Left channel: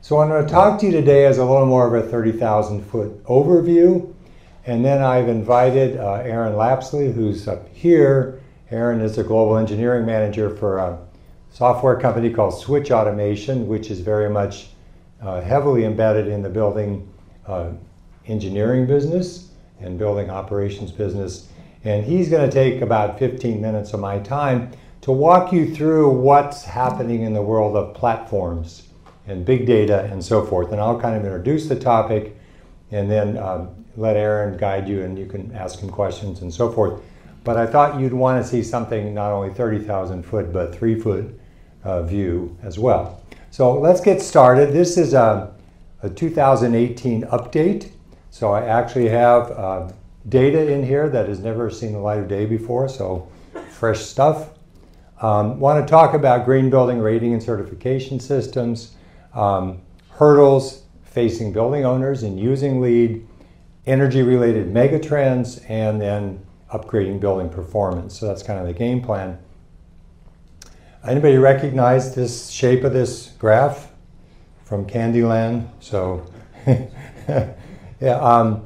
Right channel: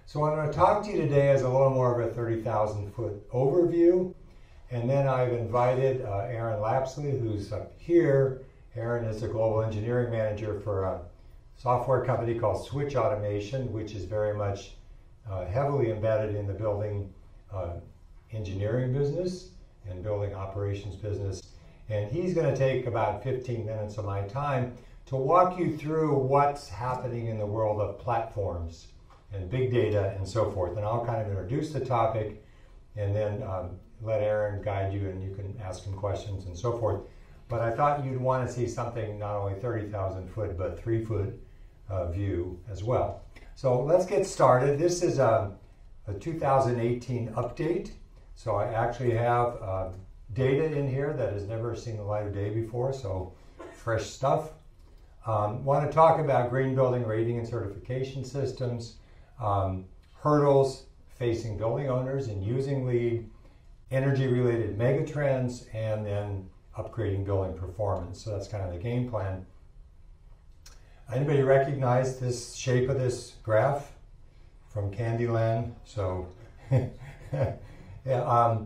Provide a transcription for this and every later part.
So I'm going to talk to you today as a little more of a 30,000 foot overview. And then I've invited Aaron Lapsley, who's up here. Aaron is a global engineering manager for a software company called Switch Automation, which is very much heavily embedded in the building engineering business and building operations business. And he's going to take about 15 minutes of my time to walk you through what's happening in the world of platforms and big data and so forth. And I'll kind of introduce the topic and then let Aaron guide you, and you can ask him questions and so forth. But I thought you'd want to see something not only 30,000 foot, but 3 foot view as well. So let's get started. This is a 2018 update. So I actually have data in here that has never seen the light of day before, so fresh stuff. Want to talk about green building rating and certification systems, hurdles facing building owners in using LEED, energy-related megatrends, and then upgrading building performance. So that's kind of the game plan. Anybody recognize this shape of this graph from Candyland? So, yeah,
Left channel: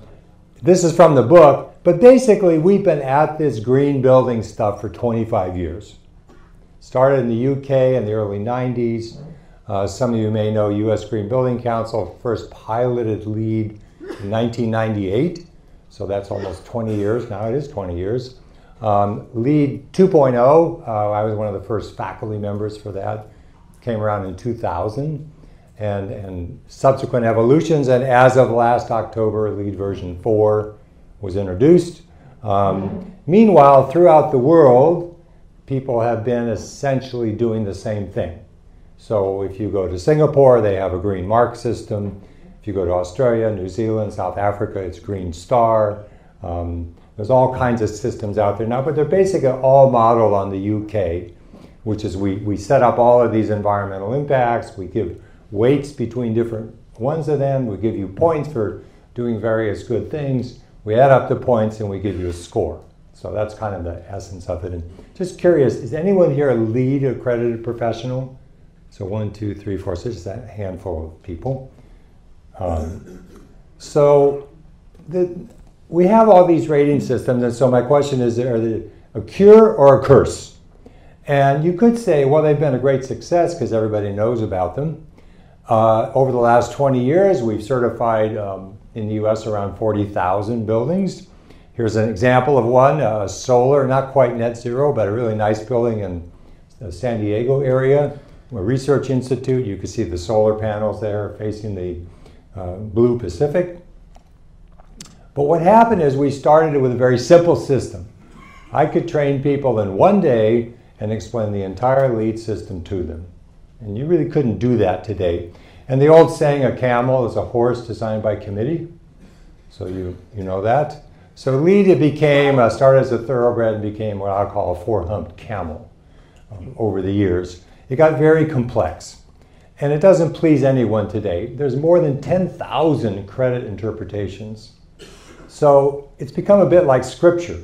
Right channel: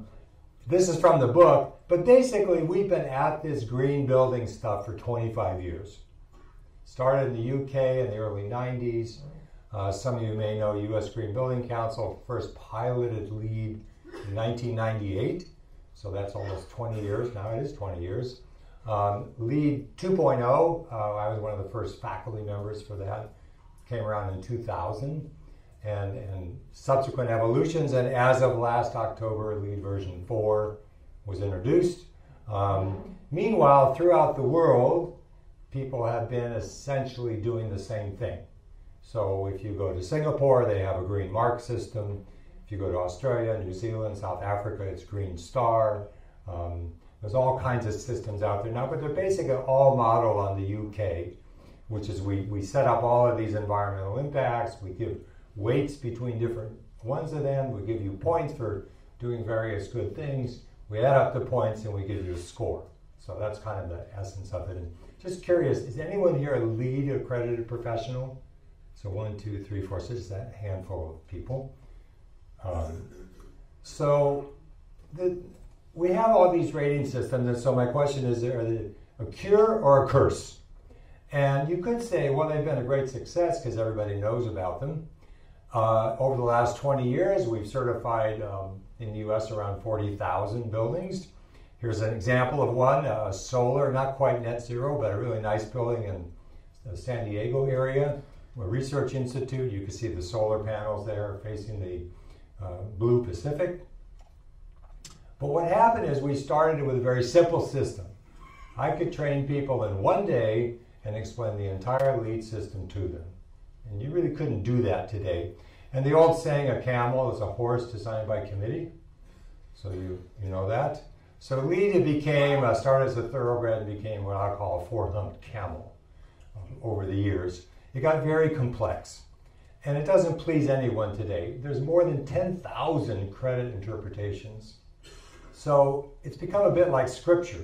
this is from the book, but basically we've been at this green building stuff for 25 years. Started in the UK in the early 90s. Some of you may know US Green Building Council first piloted LEED in 1998, so that's almost 20 years now. It is 20 years. LEED 2.0, I was one of the first faculty members for that, came around in 2000, and subsequent evolutions, and as of last October, LEED version 4 was introduced. Meanwhile, throughout the world, people have been essentially doing the same thing. So if you go to Singapore, they have a green mark system. If you go to Australia, New Zealand, South Africa, it's Green Star. There's all kinds of systems out there now, but they're basically all modeled on the UK, which is we set up all of these environmental impacts. We give weights between different ones of them. We give you points for doing various good things. We add up the points and we give you a score. So that's kind of the essence of it. And just curious, is anyone here a LEED accredited professional? So 1, 2, 3, 4, so just a handful of people. We have all these rating systems, and so my question is, are they a cure or a curse? And you could say, well, they've been a great success because everybody knows about them. Over the last 20 years, we've certified in the US around 40,000 buildings. Here's an example of one, solar, not quite net zero, but a really nice building in the San Diego area. A research institute. You can see the solar panels there facing the blue Pacific. But what happened is we started with a very simple system. I could train people in one day and explain the entire LEED system to them. And you really couldn't do that today. And the old saying, a camel is a horse designed by committee. So you know that. So LEED, it became, started as a thoroughbred and became what I call a 4-humped camel over the years. It got very complex, and it doesn't please anyone today. There's more than 10,000 credit interpretations. So it's become a bit like scripture,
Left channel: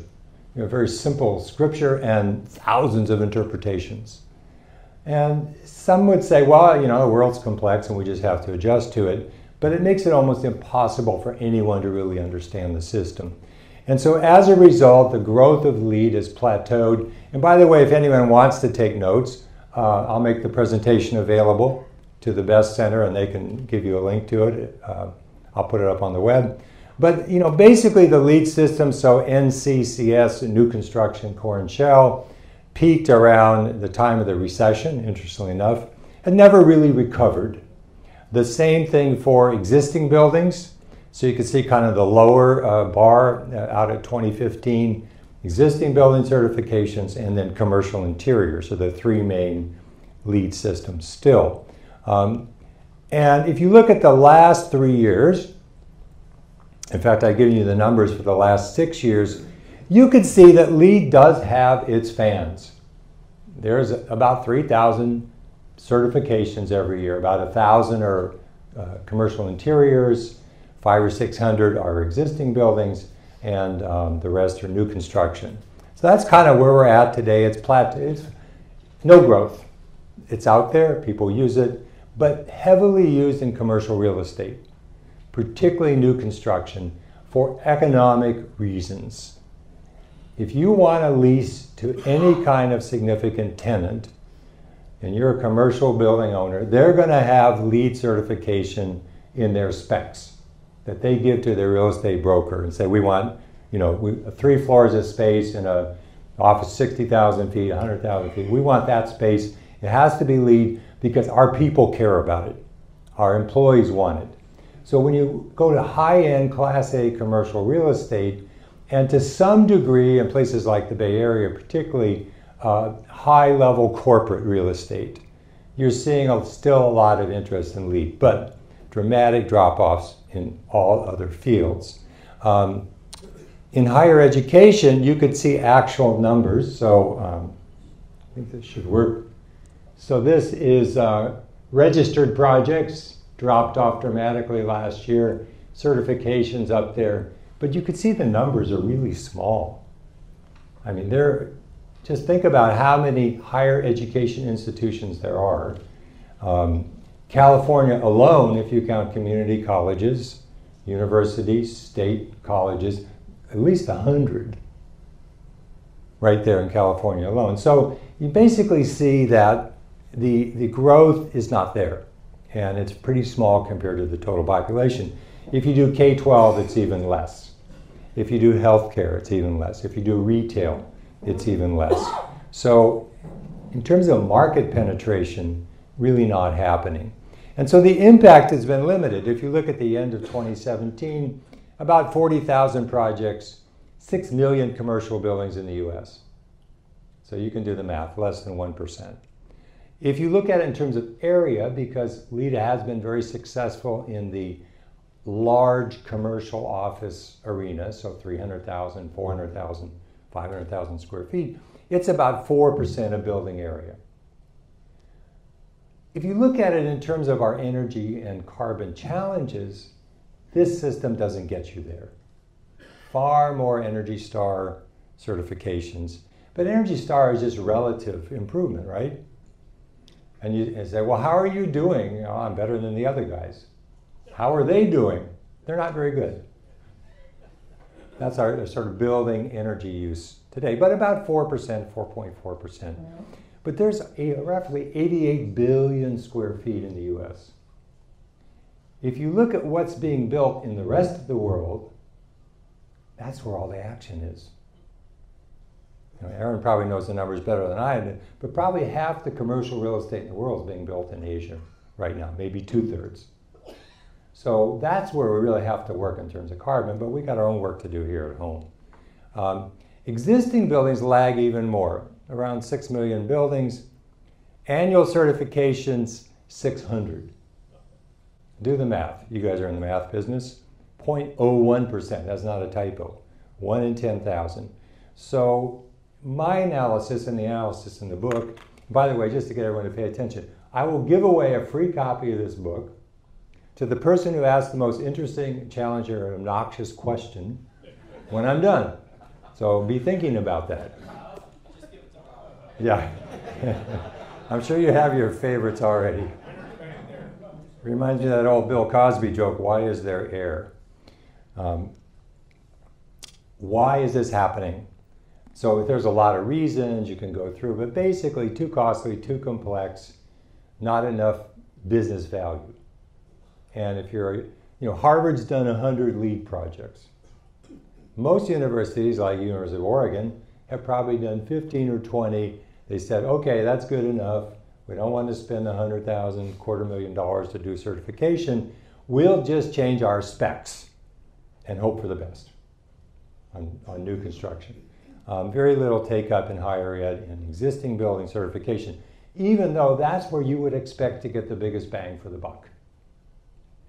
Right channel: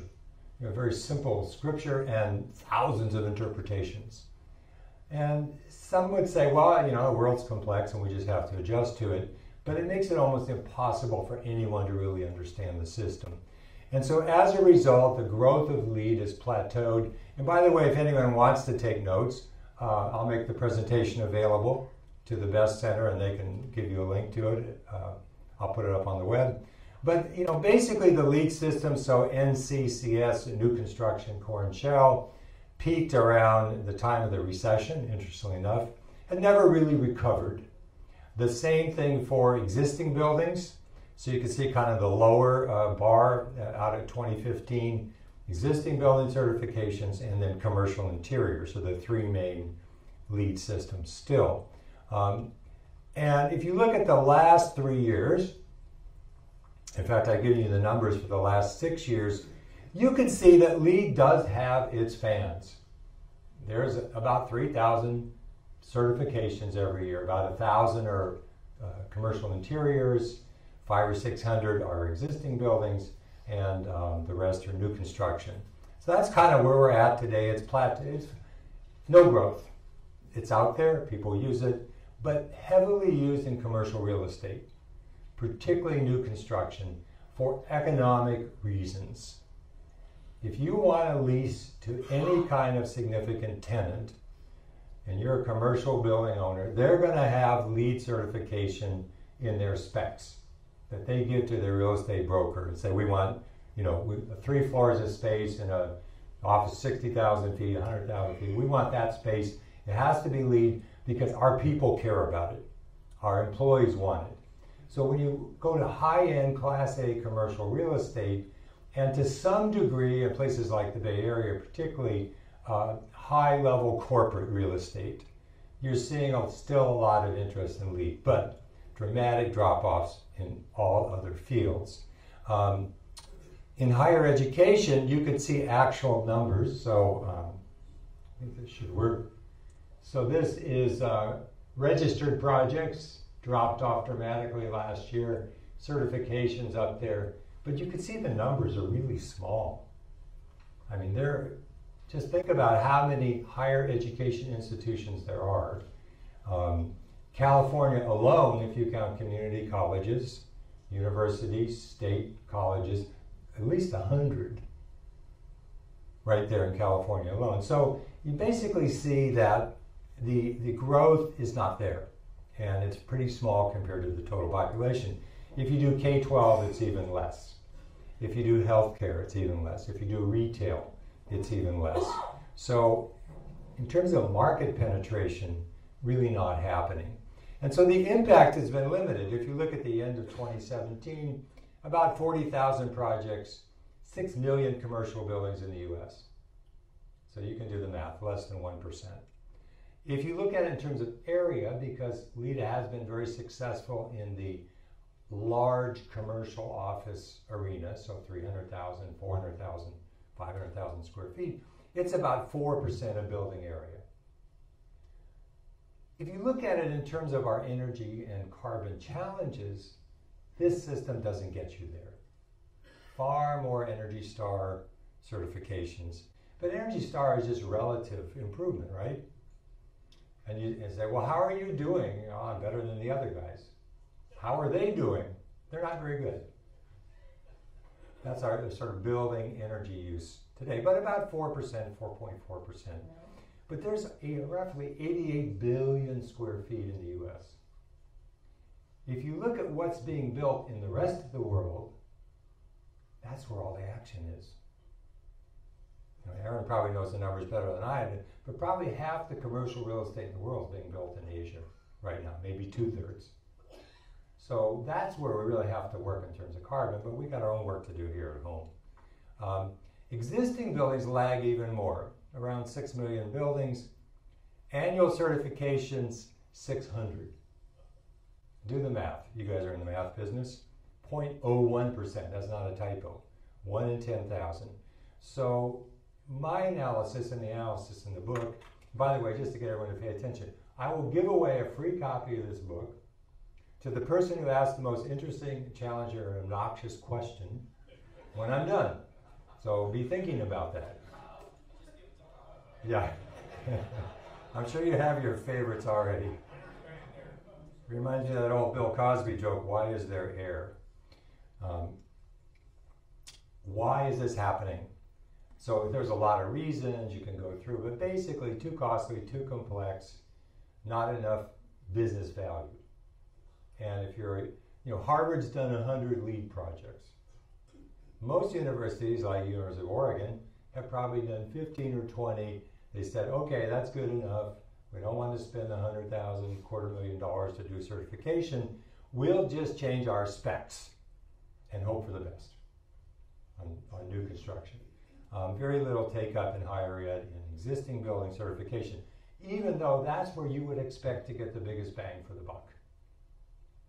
very simple scripture and thousands of interpretations. And some would say, well, the world's complex and we just have to adjust to it, but it makes it almost impossible for anyone to really understand the system. And so as a result, the growth of LEED has plateaued. And by the way, if anyone wants to take notes, I'll make the presentation available to the Best Center and they can give you a link to it. I'll put it up on the web. But basically the LEED system, so NCCS, new construction, core and shell, peaked around the time of the recession, interestingly enough, and never really recovered. The same thing for existing buildings. So you can see kind of the lower bar out at 2015. Existing building certifications, and then commercial interiors are the 3 main LEED systems still. And if you look at the last 3 years, in fact, I've given you the numbers for the last 6 years, you can see that LEED does have its fans. There's about 3,000 certifications every year. About 1,000 are commercial interiors, 500 or 600 are existing buildings, and the rest are new construction. So that's kind of where we're at today. It's no growth. It's out there, people use it, but heavily used in commercial real estate, particularly new construction, for economic reasons. If you want to lease to any kind of significant tenant, and you're a commercial building owner, they're going to have LEED certification in their specs that they give to their real estate broker and say, we want, 3 floors of space in a office 60,000 feet, 100,000 feet. We want that space. It has to be LEED because our people care about it. Our employees want it. So when you go to high-end Class A commercial real estate, and to some degree in places like the Bay Area, particularly high-level corporate real estate, you're seeing still a lot of interest in LEED, but dramatic drop-offs in all other fields. In higher education, you could see actual numbers. So I think this should work. So this is registered projects, dropped off dramatically last year. Certifications up there. But you could see the numbers are really small. I mean, just think about how many higher education institutions there are. California alone, if you count community colleges, universities, state colleges, at least 100 right there in California alone. So you basically see that the growth is not there, and it's pretty small compared to the total population. If you do K-12, it's even less. If you do healthcare, it's even less. If you do retail, it's even less. So in terms of market penetration, really not happening. And so the impact has been limited. If you look at the end of 2017, about 40,000 projects, 6 million commercial buildings in the US. So you can do the math, less than 1%. If you look at it in terms of area, because LEED has been very successful in the large commercial office arena, so 300,000, 400,000, 500,000 square feet, it's about 4% of building area. If you look at it in terms of our energy and carbon challenges, this system doesn't get you there. Far more Energy Star certifications. But Energy Star is just relative improvement, right? And you say, well, how are you doing? Oh, I'm better than the other guys. How are they doing? They're not very good. That's our sort of building energy use today, but about 4%, 4.4%. But there's roughly 88 billion square feet in the US. If you look at what's being built in the rest of the world, that's where all the action is. Aaron probably knows the numbers better than I do, but probably half the commercial real estate in the world is being built in Asia right now, maybe 2/3. So that's where we really have to work in terms of carbon, but we got our own work to do here at home. Existing buildings lag even more, around 6 million buildings. Annual certifications, 600. Do the math. You guys are in the math business. 0.01%, that's not a typo. 1 in 10,000. So my analysis and the analysis in the book, by the way, just to get everyone to pay attention, I will give away a free copy of this book to the person who asks the most interesting, challenging, or obnoxious question when I'm done. So be thinking about that. Yeah. I'm sure you have your favorites already. Reminds me of that old Bill Cosby joke, why is there air? Why is this happening? So there's a lot of reasons you can go through, but basically too costly, too complex, not enough business value. And if you're, Harvard's done 100 LEED projects. Most universities, like University of Oregon, have probably done 15 or 20. They said, okay, that's good enough. We don't want to spend $100,000, $250,000 to do certification. We'll just change our specs and hope for the best on new construction. Very little take up in higher ed and existing building certification, even though that's where you would expect to get the biggest bang for the buck.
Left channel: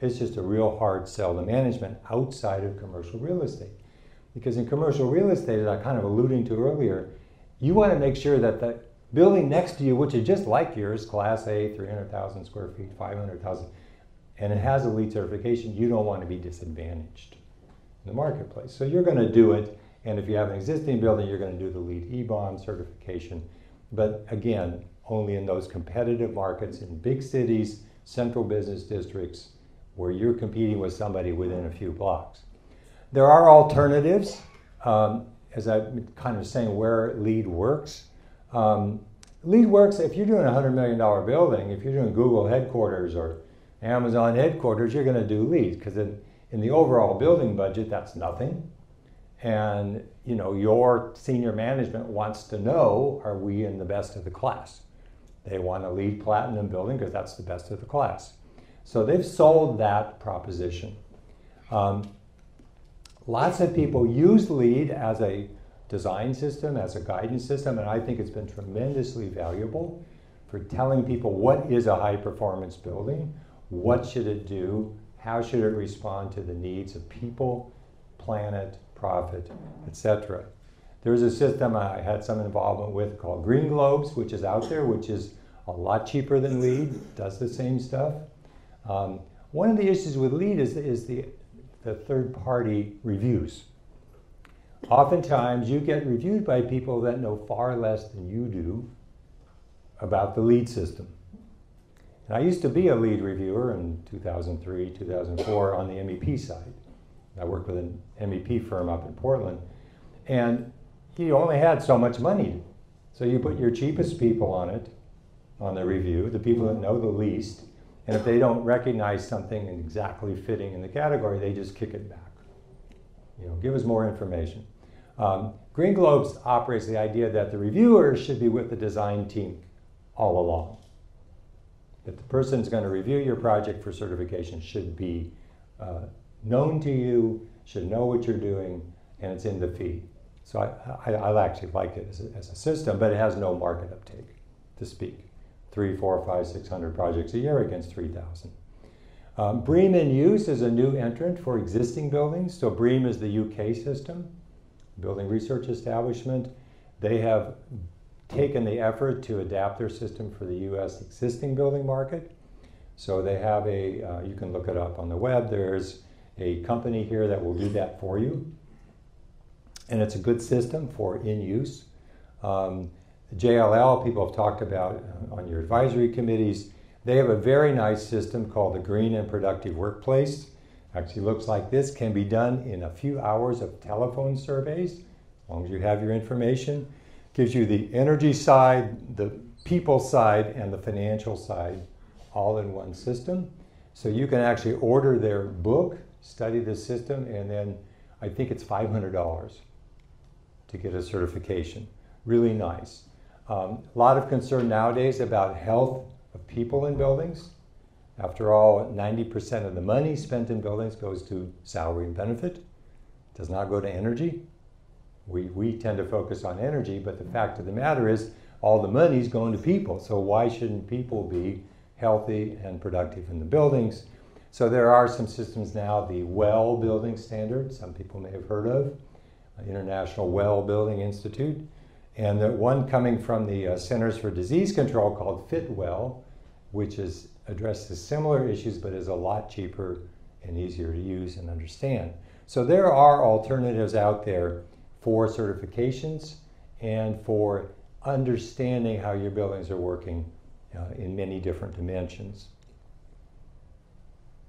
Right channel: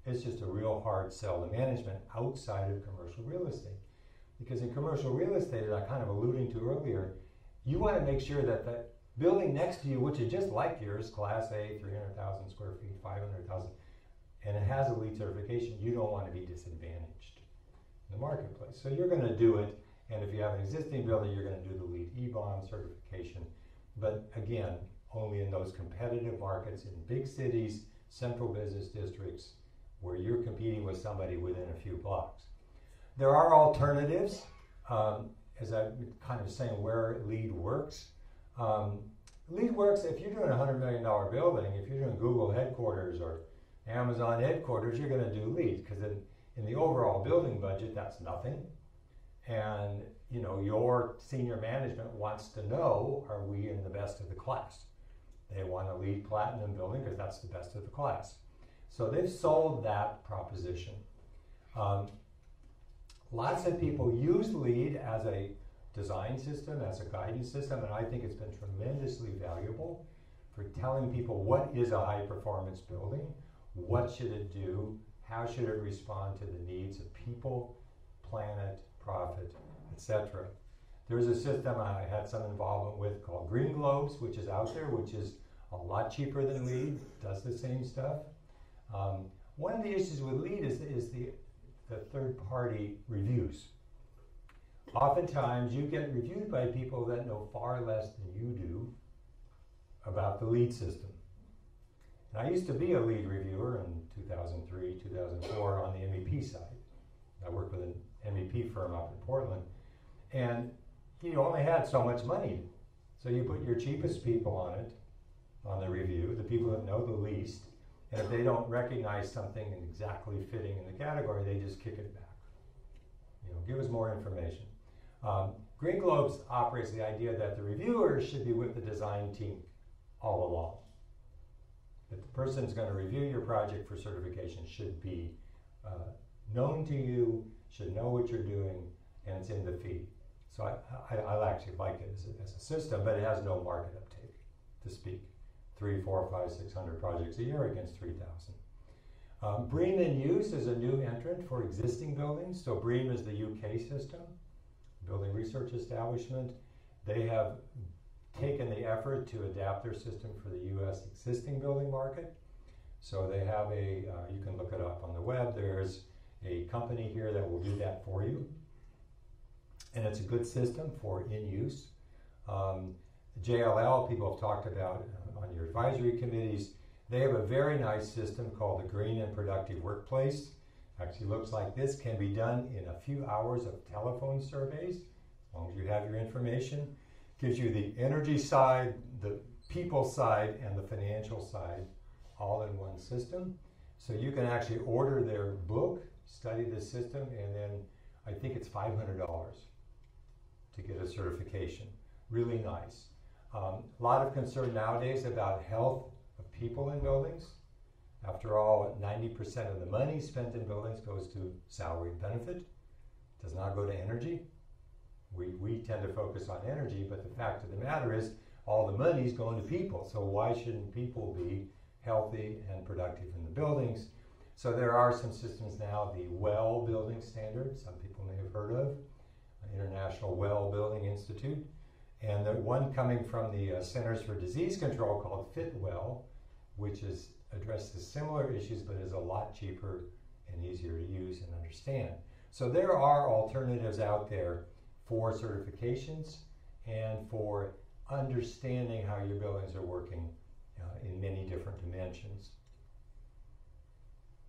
It's just a real hard sell to management outside of commercial real estate. Because in commercial real estate, as I kind of alluding to earlier, you want to make sure that the building next to you, which is just like yours, Class A, 300,000 square feet, 500,000, and it has a LEED certification, you don't want to be disadvantaged in the marketplace. So you're going to do it, and if you have an existing building, you're going to do the LEED E-Bomb certification. But again, only in those competitive markets in big cities, central business districts where you're competing with somebody within a few blocks. There are alternatives, as I'm kind of saying where LEED works. LEED works if you're doing a $100 million building, if you're doing Google headquarters or Amazon headquarters, you're going to do LEED, because in the overall building budget, that's nothing. And you know, your senior management wants to know, are we in the best of the class? They want a LEED Platinum building because that's the best of the class. So they've sold that proposition. Lots of people use LEED as a design system, as a guidance system, and I think it's been tremendously valuable for telling people what is a high performance building, what should it do, how should it respond to the needs of people, planet, profit, etc. There's a system I had some involvement with called Green Globes, which is out there, which is a lot cheaper than LEED, does the same stuff. One of the issues with LEED is the third-party reviews. Oftentimes you get reviewed by people that know far less than you do about the LEED system. And I used to be a LEED reviewer in 2003, 2004 on the MEP side. I worked with an MEP firm up in Portland, and you only had so much money. So you put your cheapest people on it, on the review, the people that know the least, and if they don't recognize something exactly fitting in the category, they just kick it back. You know, give us more information. Green Globes operates the idea that the reviewer should be with the design team all along. That the person's going to review your project for certification should be known to you, should know what you're doing, and it's in the fee. So I actually like it as a system, but it has no market uptake to speak. 3, 4, 5, 600 projects a year against 3,000. BREEAM in use is a new entrant for existing buildings. So BREEAM is the UK system, Building Research Establishment. They have taken the effort to adapt their system for the US existing building market. So they have you can look it up on the web. There's a company here that will do that for you. And it's a good system for in use. JLL, people have talked about on your advisory committees. They have a very nice system called the Green and Productive Workplace. Actually looks like this, can be done in a few hours of telephone surveys, as long as you have your information. Gives you the energy side, the people side, and the financial side all in one system. So you can actually order their book, study the system, and then I think it's $500 to get a certification. Really nice. A lot of concern nowadays about health of people in buildings. After all, 90% of the money spent in buildings goes to salary and benefit. Does not go to energy. We tend to focus on energy, but the fact of the matter is all the money is going to people. So why shouldn't people be healthy and productive in the buildings? So there are some systems now, the WELL building standard, some people may have heard of, International Well Building Institute, and the one coming from the Centers for Disease Control called FitWell, which addresses similar issues but is a lot cheaper and easier to use and understand. So there are alternatives out there for certifications and for understanding how your buildings are working in many different dimensions.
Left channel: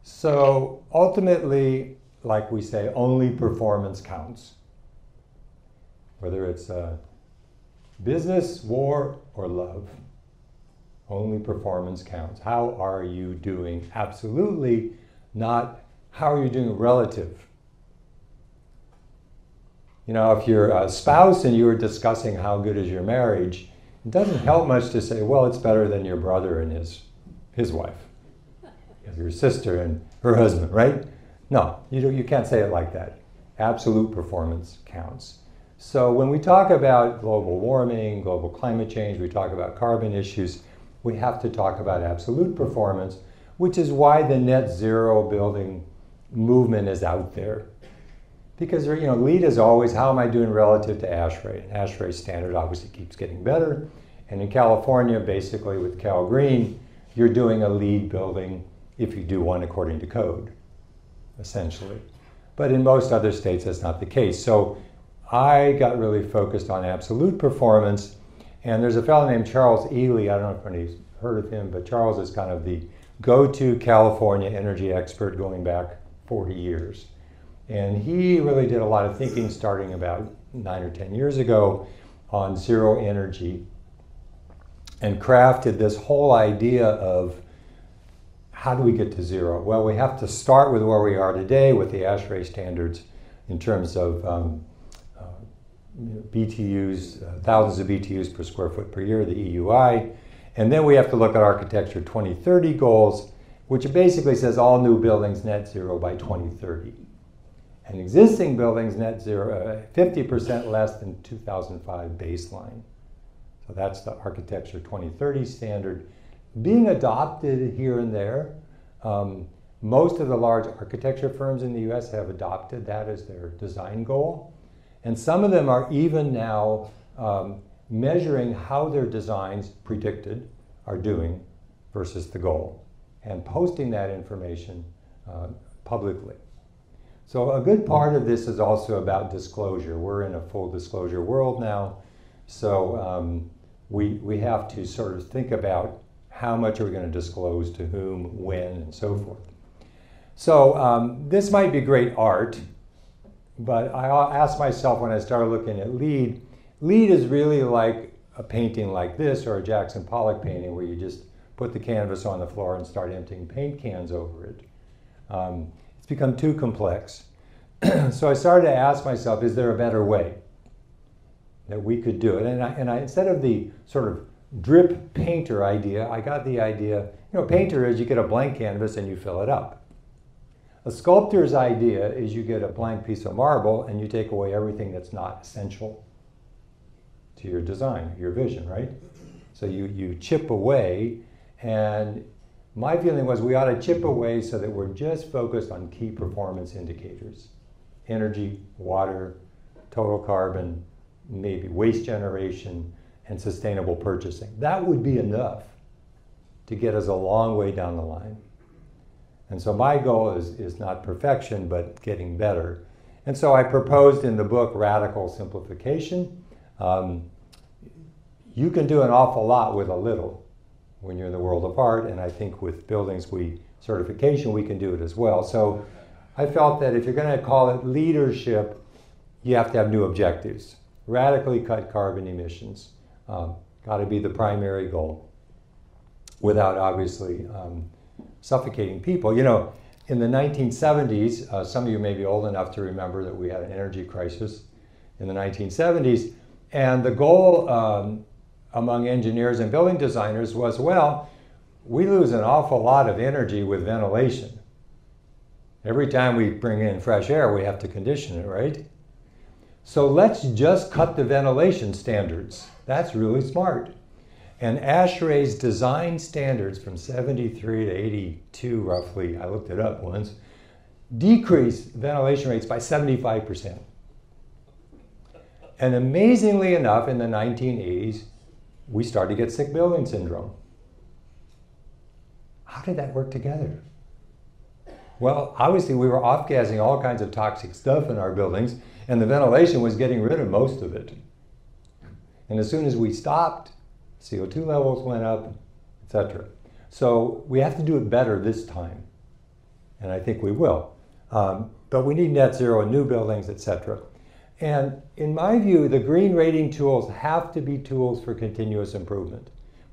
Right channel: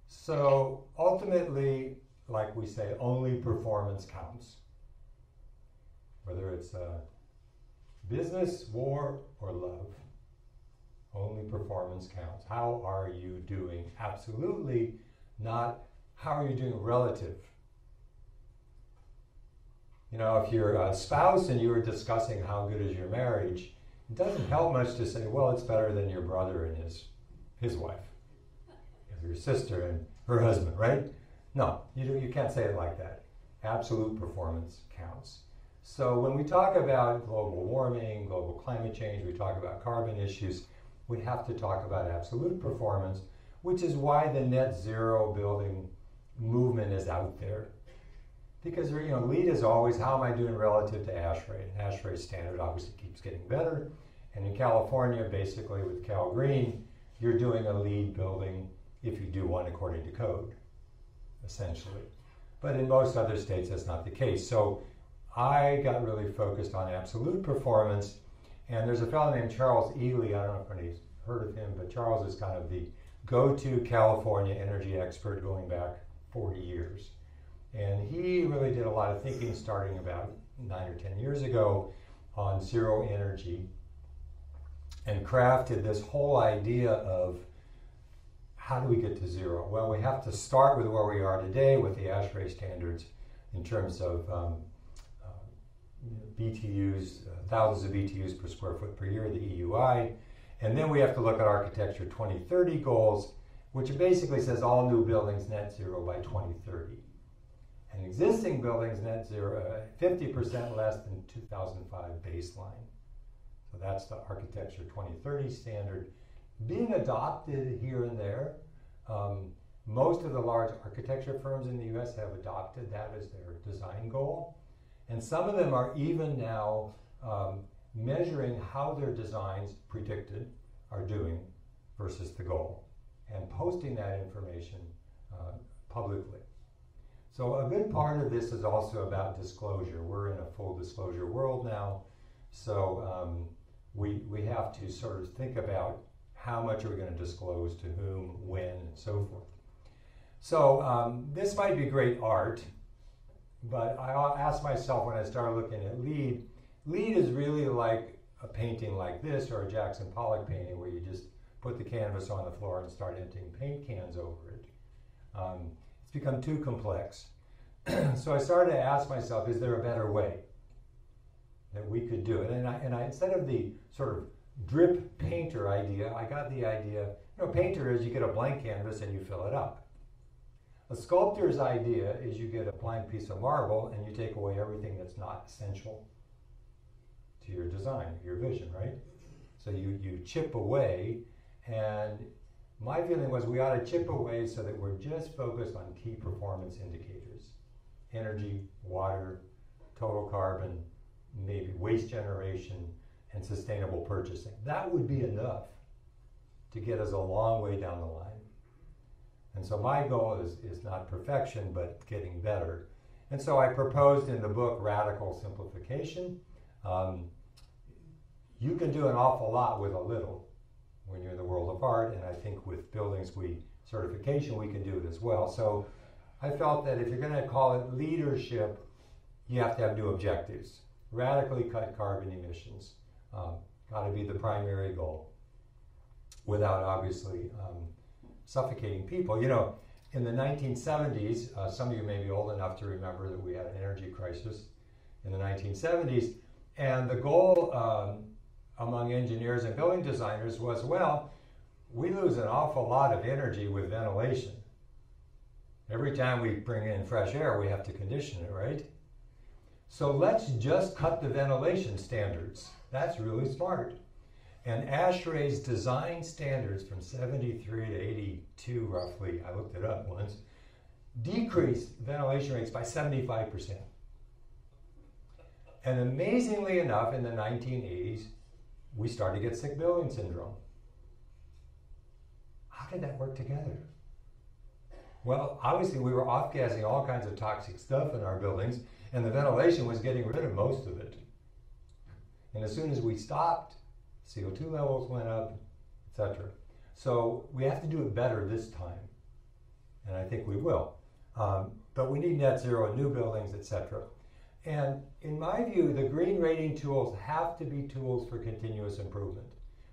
So ultimately, like we say, only performance counts. Whether it's business, war, or love, only performance counts. How are you doing? Absolutely not how are you doing relative. You know, if you're a spouse and you were discussing how good is your marriage, it doesn't help much to say, well, it's better than your brother and his wife, your sister and her husband, right? No, you can't say it like that. Absolute performance counts. So when we talk about global warming, global climate change, we talk about carbon issues, we have to talk about absolute performance, which is why the net zero building movement is out there. Because LEED is always, how am I doing relative to ASHRAE? ASHRAE standard obviously keeps getting better. And in California, basically with Cal Green, you're doing a LEED building if you do one according to code, essentially. But in most other states, that's not the case. So I got really focused on absolute performance. And there's a fellow named Charles Ely, I don't know if anybody's heard of him, but Charles is kind of the go to California energy expert going back 40 years. And he really did a lot of thinking starting about 9 or 10 years ago on zero energy and crafted this whole idea of how do we get to zero? Well, we have to start with where we are today with the ASHRAE standards in terms of BTUs, thousands of BTUs per square foot per year, the EUI. And then we have to look at Architecture 2030 goals, which basically says all new buildings net zero by 2030. And existing buildings net zero, 50% less than 2005 baseline. So that's the Architecture 2030 standard. Being adopted here and there. Most of the large architecture firms in the US have adopted that as their design goal. And some of them are even now measuring how their designs predicted are doing versus the goal and posting that information publicly. So a good part of this is also about disclosure. We're in a full disclosure world now, so we have to sort of think about how much are we going to disclose to whom, when, and so forth. So this might be great art, but I asked myself when I started looking at LEED, LEED is really like a painting like this or a Jackson Pollock painting where you just put the canvas on the floor and start emptying paint cans over it. It's become too complex. So I started to ask myself, is there a better way that we could do it? And I instead of the sort of drip painter idea, I got the idea, painter is you get a blank canvas and you fill it up. A sculptor's idea is you get a blank piece of marble and you take away everything that's not essential to your design, your vision, right? So you chip away, and my feeling was we ought to chip away so that we're just focused on key performance indicators. Energy, water, total carbon, maybe waste generation, and sustainable purchasing. That would be enough to get us a long way down the line. And so my goal is not perfection, but getting better. And so I proposed in the book Radical Simplification. You can do an awful lot with a little when you're in the world of art, and I think with buildings certification we can do it as well. So I felt that if you're going to call it leadership, you have to have new objectives. Radically cut carbon emissions. Got to be the primary goal without obviously suffocating people. In the 1970s, some of you may be old enough to remember that we had an energy crisis in the 1970s, and the goal among engineers and building designers was, well, we lose an awful lot of energy with ventilation. Every time we bring in fresh air, we have to condition it, right? So let's just cut the ventilation standards. That's really smart. And ASHRAE's design standards from 73 to 82, roughly, I looked it up once, decreased ventilation rates by 75%. And amazingly enough, in the 1980s, we started to get sick building syndrome. How did that work together? Well, obviously we were off-gassing all kinds of toxic stuff in our buildings, and the ventilation was getting rid of most of it. And as soon as we stopped, CO2 levels went up, etc. So we have to do it better this time, and I think we will. But we need net zero in new buildings, etc. And in my view, the green rating tools have to be tools for continuous improvement.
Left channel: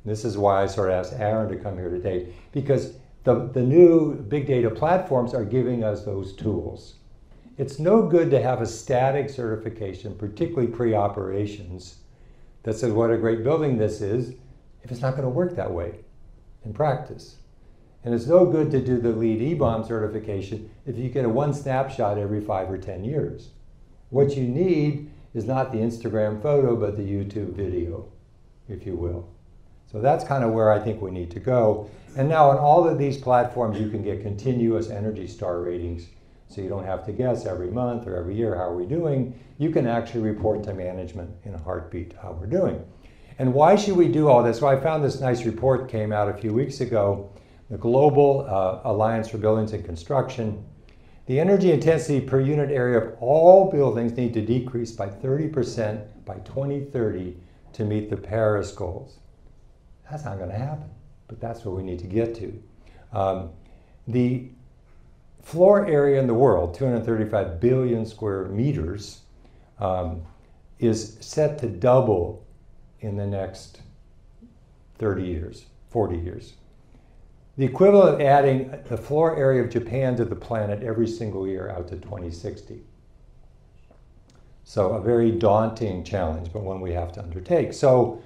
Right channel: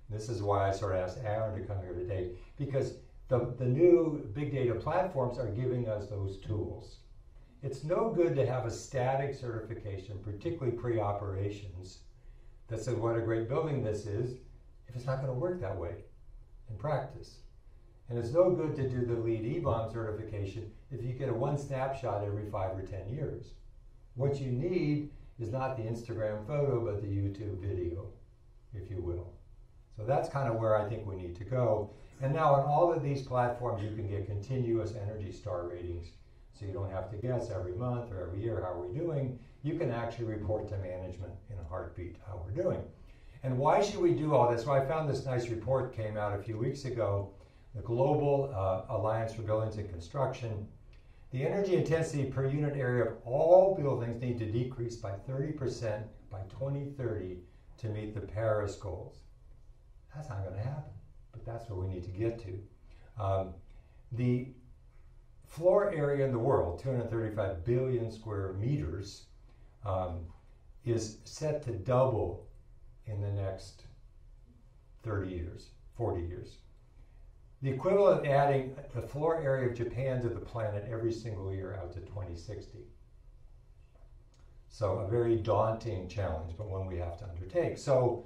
This is why I sort of asked Aaron to come here today, because the new big data platforms are giving us those tools. It's no good to have a static certification, particularly pre-operations, that says what a great building this is, if it's not going to work that way in practice. And it's no good to do the LEED E-Bomb certification if you get a one snapshot every 5 or 10 years. What you need is not the Instagram photo, but the YouTube video, if you will. So that's kind of where I think we need to go. And now on all of these platforms, you can get continuous Energy Star ratings. So you don't have to guess every month or every year, how are we doing? You can actually report to management in a heartbeat how we're doing. And why should we do all this? Well, I found this nice report came out a few weeks ago, the Global Alliance for Buildings and Construction. The energy intensity per unit area of all buildings need to decrease by 30% by 2030 to meet the Paris goals. That's not going to happen, but that's what we need to get to. The floor area in the world, 235 billion square meters, is set to double in the next 30 years, 40 years. The equivalent of adding the floor area of Japan to the planet every single year out to 2060. So a very daunting challenge, but one we have to undertake. So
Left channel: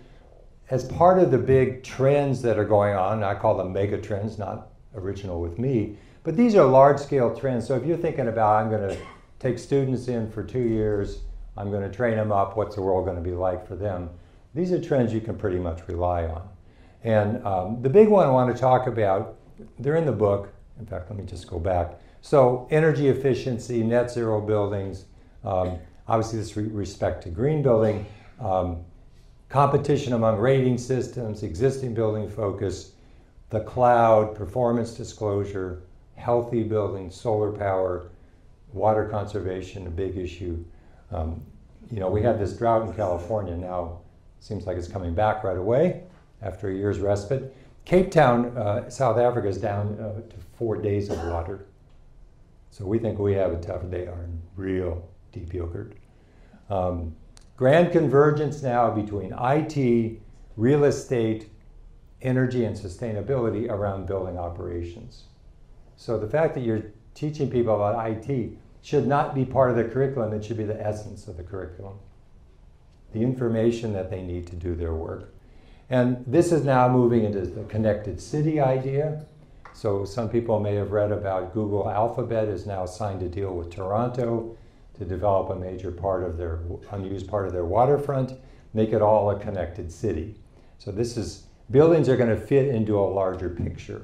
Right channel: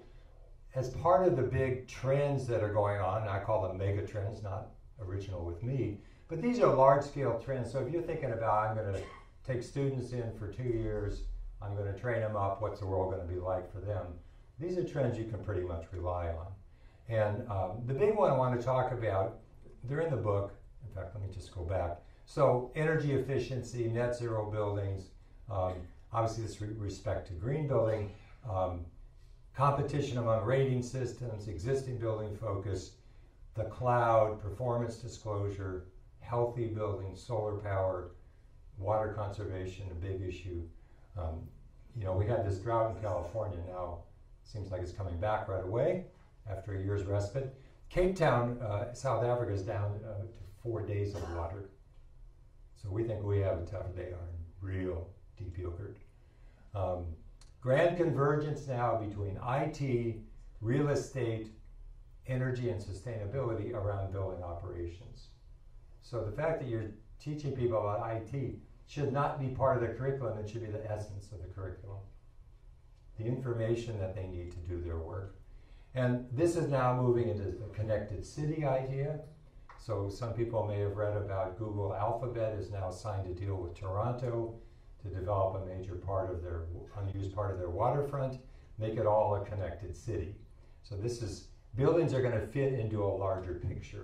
as part of the big trends that are going on, I call them megatrends, not original with me, but these are large-scale trends. So if you're thinking about, I'm going to take students in for 2 years, I'm going to train them up, what's the world going to be like for them? These are trends you can pretty much rely on. And the big one I want to talk about, they're in the book. In fact, let me just go back. So energy efficiency, net zero buildings, obviously this respect to green building, competition among rating systems, existing building focus, the cloud, performance disclosure, healthy buildings, solar power, water conservation, a big issue. You know, we had this drought in California. Now it seems like it's coming back right away after a year's respite. Cape Town, South Africa is down to 4 days of water. So we think we have a tough day on real deep yogurt. Grand Convergence now between IT, real estate, energy, and sustainability around building operations. So the fact that you're teaching people about IT should not be part of the curriculum, it should be the essence of the curriculum. The information that they need to do their work. And this is now moving into the connected city idea. So some people may have read about Google Alphabet has now signed a deal with Toronto to develop a major part of their, unused part of their waterfront, make it all a connected city. So this is, buildings are going to fit into a larger picture.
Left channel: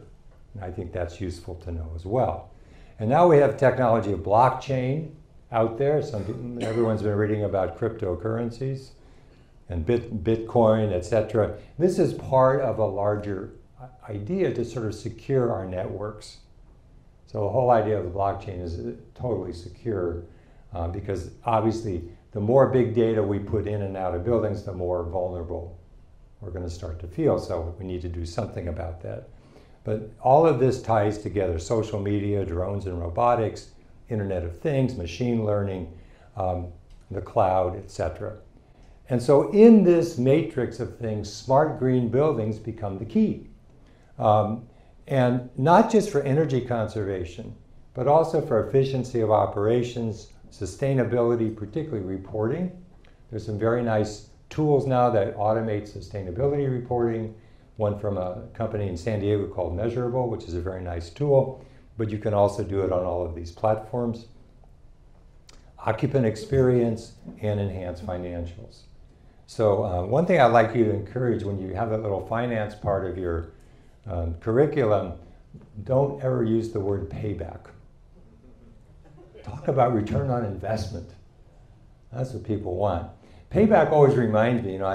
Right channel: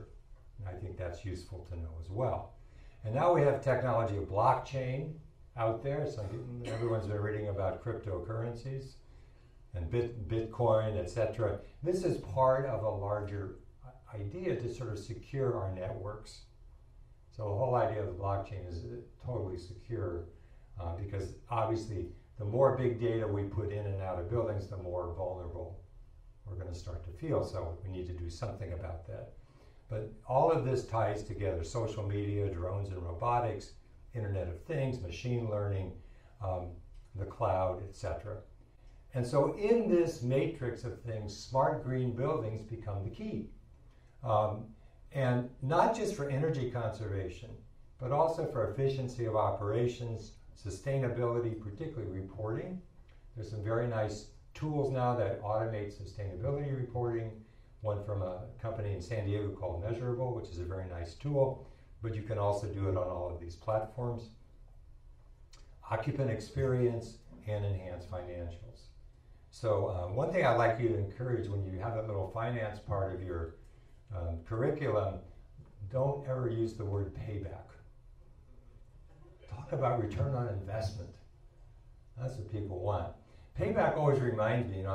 And I think that's useful to know as well. And now we have technology of blockchain out there. Everyone's been reading about cryptocurrencies and Bitcoin, etc. This is part of a larger idea to sort of secure our networks. So the whole idea of the blockchain is totally secure because obviously the more big data we put in and out of buildings, the more vulnerable we're going to start to feel. So we need to do something about that. But all of this ties together: social media, drones and robotics, Internet of Things, machine learning, the cloud, etc. And so in this matrix of things, smart green buildings become the key. And not just for energy conservation, but also for efficiency of operations, sustainability, particularly reporting. There's some very nice tools now that automate sustainability reporting. One from a company in San Diego called Measurable, which is a very nice tool, but you can also do it on all of these platforms. Occupant experience and enhanced financials. So one thing I'd like you to encourage when you have that little finance part of your curriculum, don't ever use the word payback. Talk about return on investment. That's what people want. Payback always reminds me, you know,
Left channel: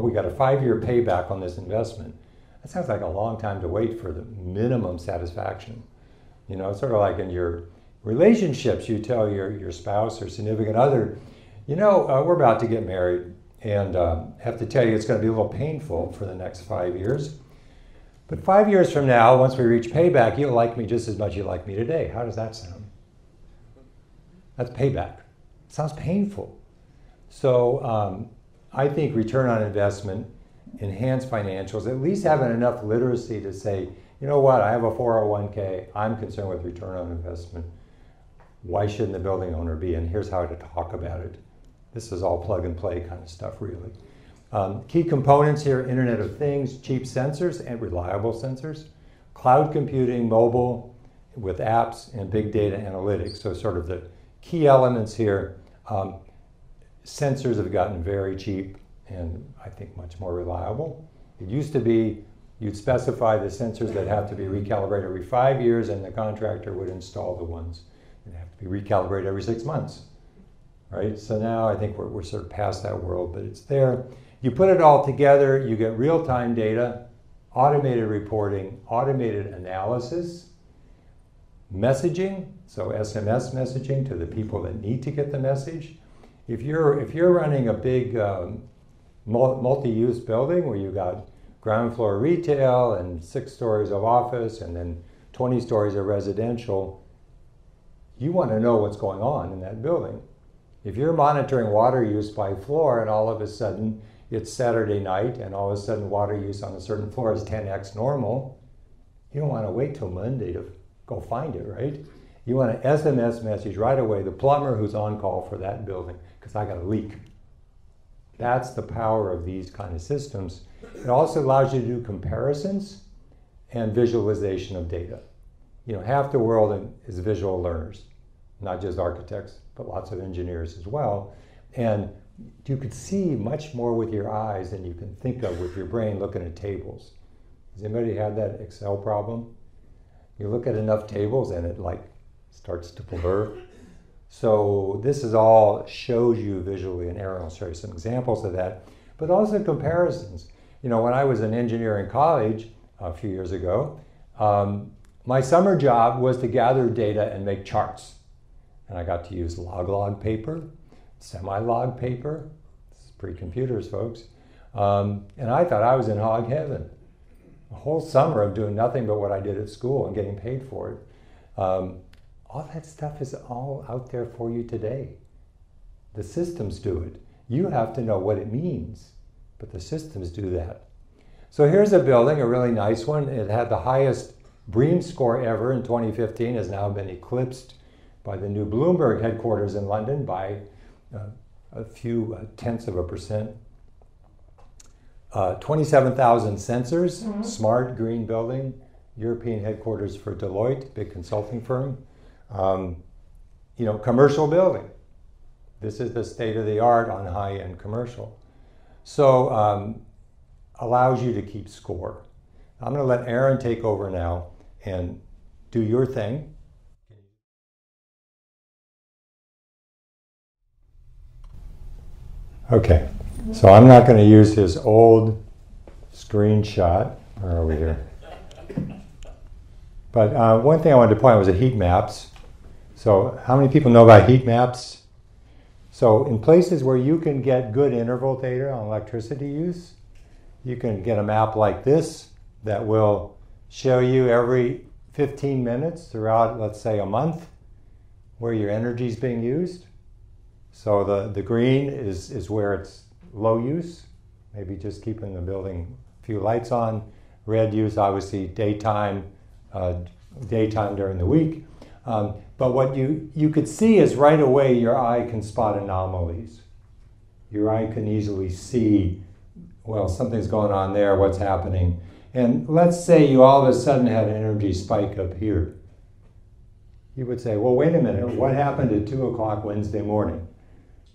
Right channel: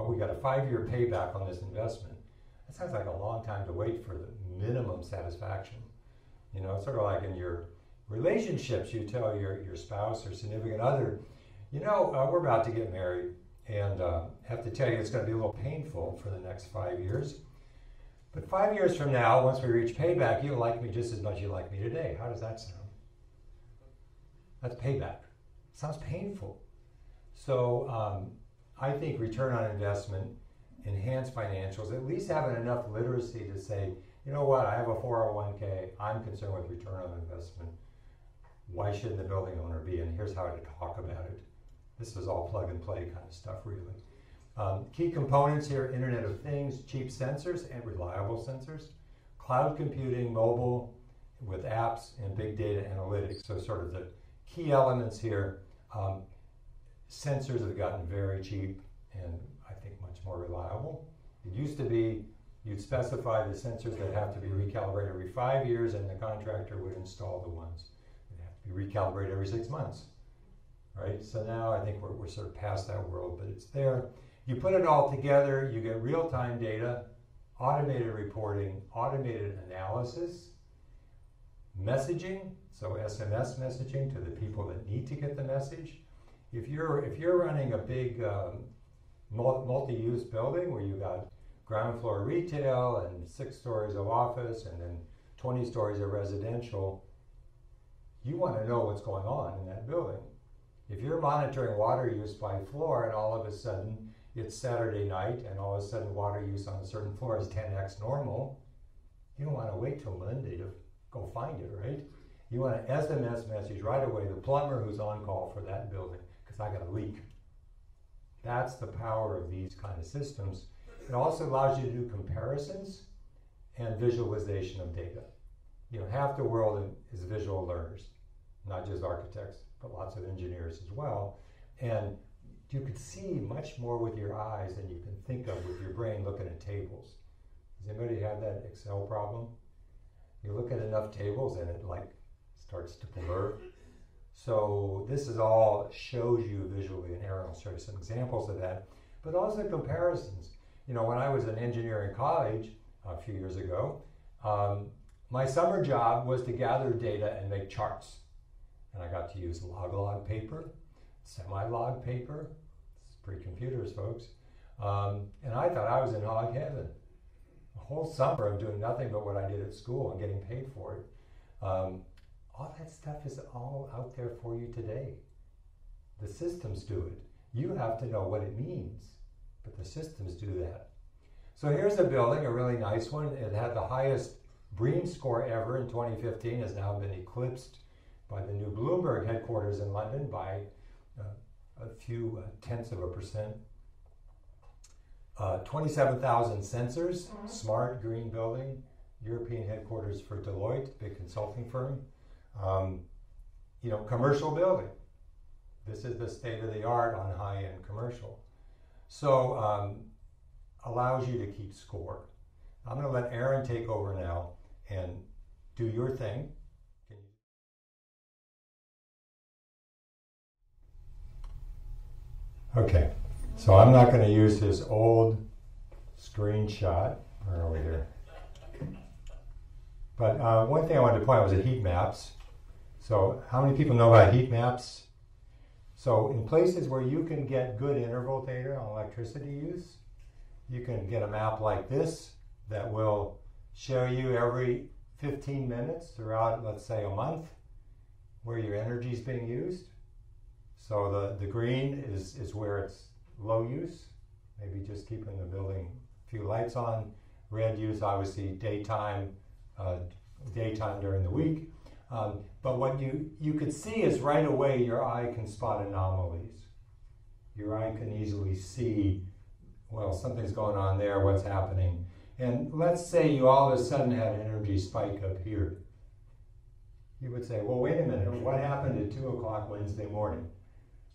we got a 5-year payback on this investment. That sounds like a long time to wait for the minimum satisfaction. You know, it's sort of like in your relationships, you tell your spouse or significant other, you know, we're about to get married and have to tell you it's going to be a little painful for the next 5 years. But 5 years from now, once we reach payback, you'll like me just as much as you like me today. How does that sound? That's payback. It sounds painful. So I think return on investment, enhanced financials, at least having enough literacy to say, you know what, I have a 401k, I'm concerned with return on investment. Why shouldn't the building owner be? And here's how to talk about it. This is all plug and play kind of stuff, really. Key components here: Internet of Things, cheap sensors and reliable sensors, cloud computing, mobile with apps, and big data analytics. So sort of the key elements here. Sensors have gotten very cheap and I think much more reliable. It used to be you'd specify the sensors that have to be recalibrated every 5 years and the contractor would install the ones that have to be recalibrated every 6 months. Right? So now I think we're sort of past that world, but it's there. You put it all together, you get real-time data, automated reporting, automated analysis, messaging, so SMS messaging to the people that need to get the message. If you're running a big multi-use building where you've got ground floor retail and 6 stories of office and then 20 stories of residential, you want to know what's going on in that building. If you're monitoring water use by floor and all of a sudden it's Saturday night and all of a sudden water use on a certain floor is 10x normal, you don't want to wait till Monday to go find it, right? You want an SMS message right away, the plumber who's on call for that building, because I got a leak. That's the power of these kind of systems. It also allows you to do comparisons and visualization of data. You know, half the world is visual learners, not just architects, but lots of engineers as well. And you could see much more with your eyes than you can think of with your brain looking at tables. Has anybody had that Excel problem? You look at enough tables and it like starts to blur. So this is all shows you visually, and Aaron will show you some examples of that, but also comparisons. You know, when I was an engineer in college a few years ago, my summer job was to gather data and make charts. And I got to use log paper, semi-log paper. This is pre-computers, folks. And I thought I was in hog heaven. A whole summer of doing nothing but what I did at school and getting paid for it. All that stuff is all out there for you today. The systems do it. You have to know what it means, but the systems do that. So here's a building, a really nice one. It had the highest BREEAM score ever in 2015, has now been eclipsed by the new Bloomberg headquarters in London by a few tenths of a percent. 27,000 sensors, smart green building, European headquarters for Deloitte, big consulting firm. You know, commercial building. This is the state of the art on high-end commercial. So allows you to keep score. I'm going to let Aaron take over now and do your thing. Okay, so I'm not going to use his old screenshot. Where are we here? But one thing I wanted to point out was the heat maps. So how many people know about heat maps? So in places where you can get good interval data on electricity use, you can get a map like this that will show you every 15 minutes throughout, let's say, a month, where your energy is being used. So the green is where it's low use, maybe just keeping the building a few lights on. Red use, obviously, daytime during the week. But what you could see is right away your eye can spot anomalies. Your eye can easily see, well, something's going on there, what's happening. And let's say you all of a sudden had an energy spike up here. You would say, well, wait a minute, what happened at 2 o'clock Wednesday morning?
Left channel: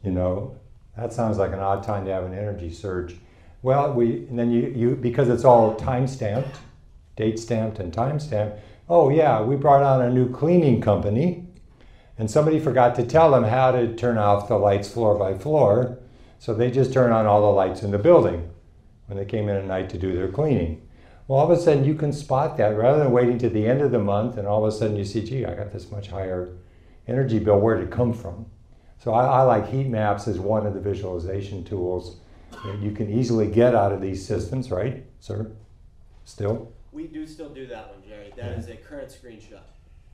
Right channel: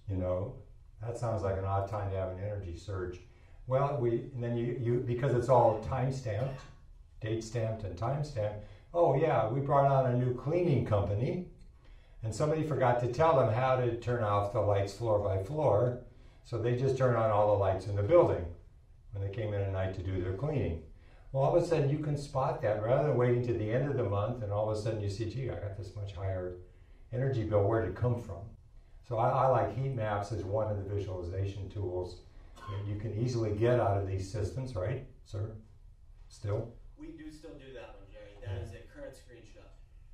You know, that sounds like an odd time to have an energy surge. Well, and then you because it's all time-stamped, date-stamped and time-stamped, oh yeah, we brought on a new cleaning company and somebody forgot to tell them how to turn off the lights floor by floor, so they just turned on all the lights in the building when they came in at night to do their cleaning. Well, all of a sudden you can spot that rather than waiting to the end of the month and all of a sudden you see, gee, I got this much higher energy bill, where did it come from? So I like heat maps as one of the visualization tools that you can easily get out of these systems, right, sir? Still? We do still do that one, Jerry. That is a current screenshot.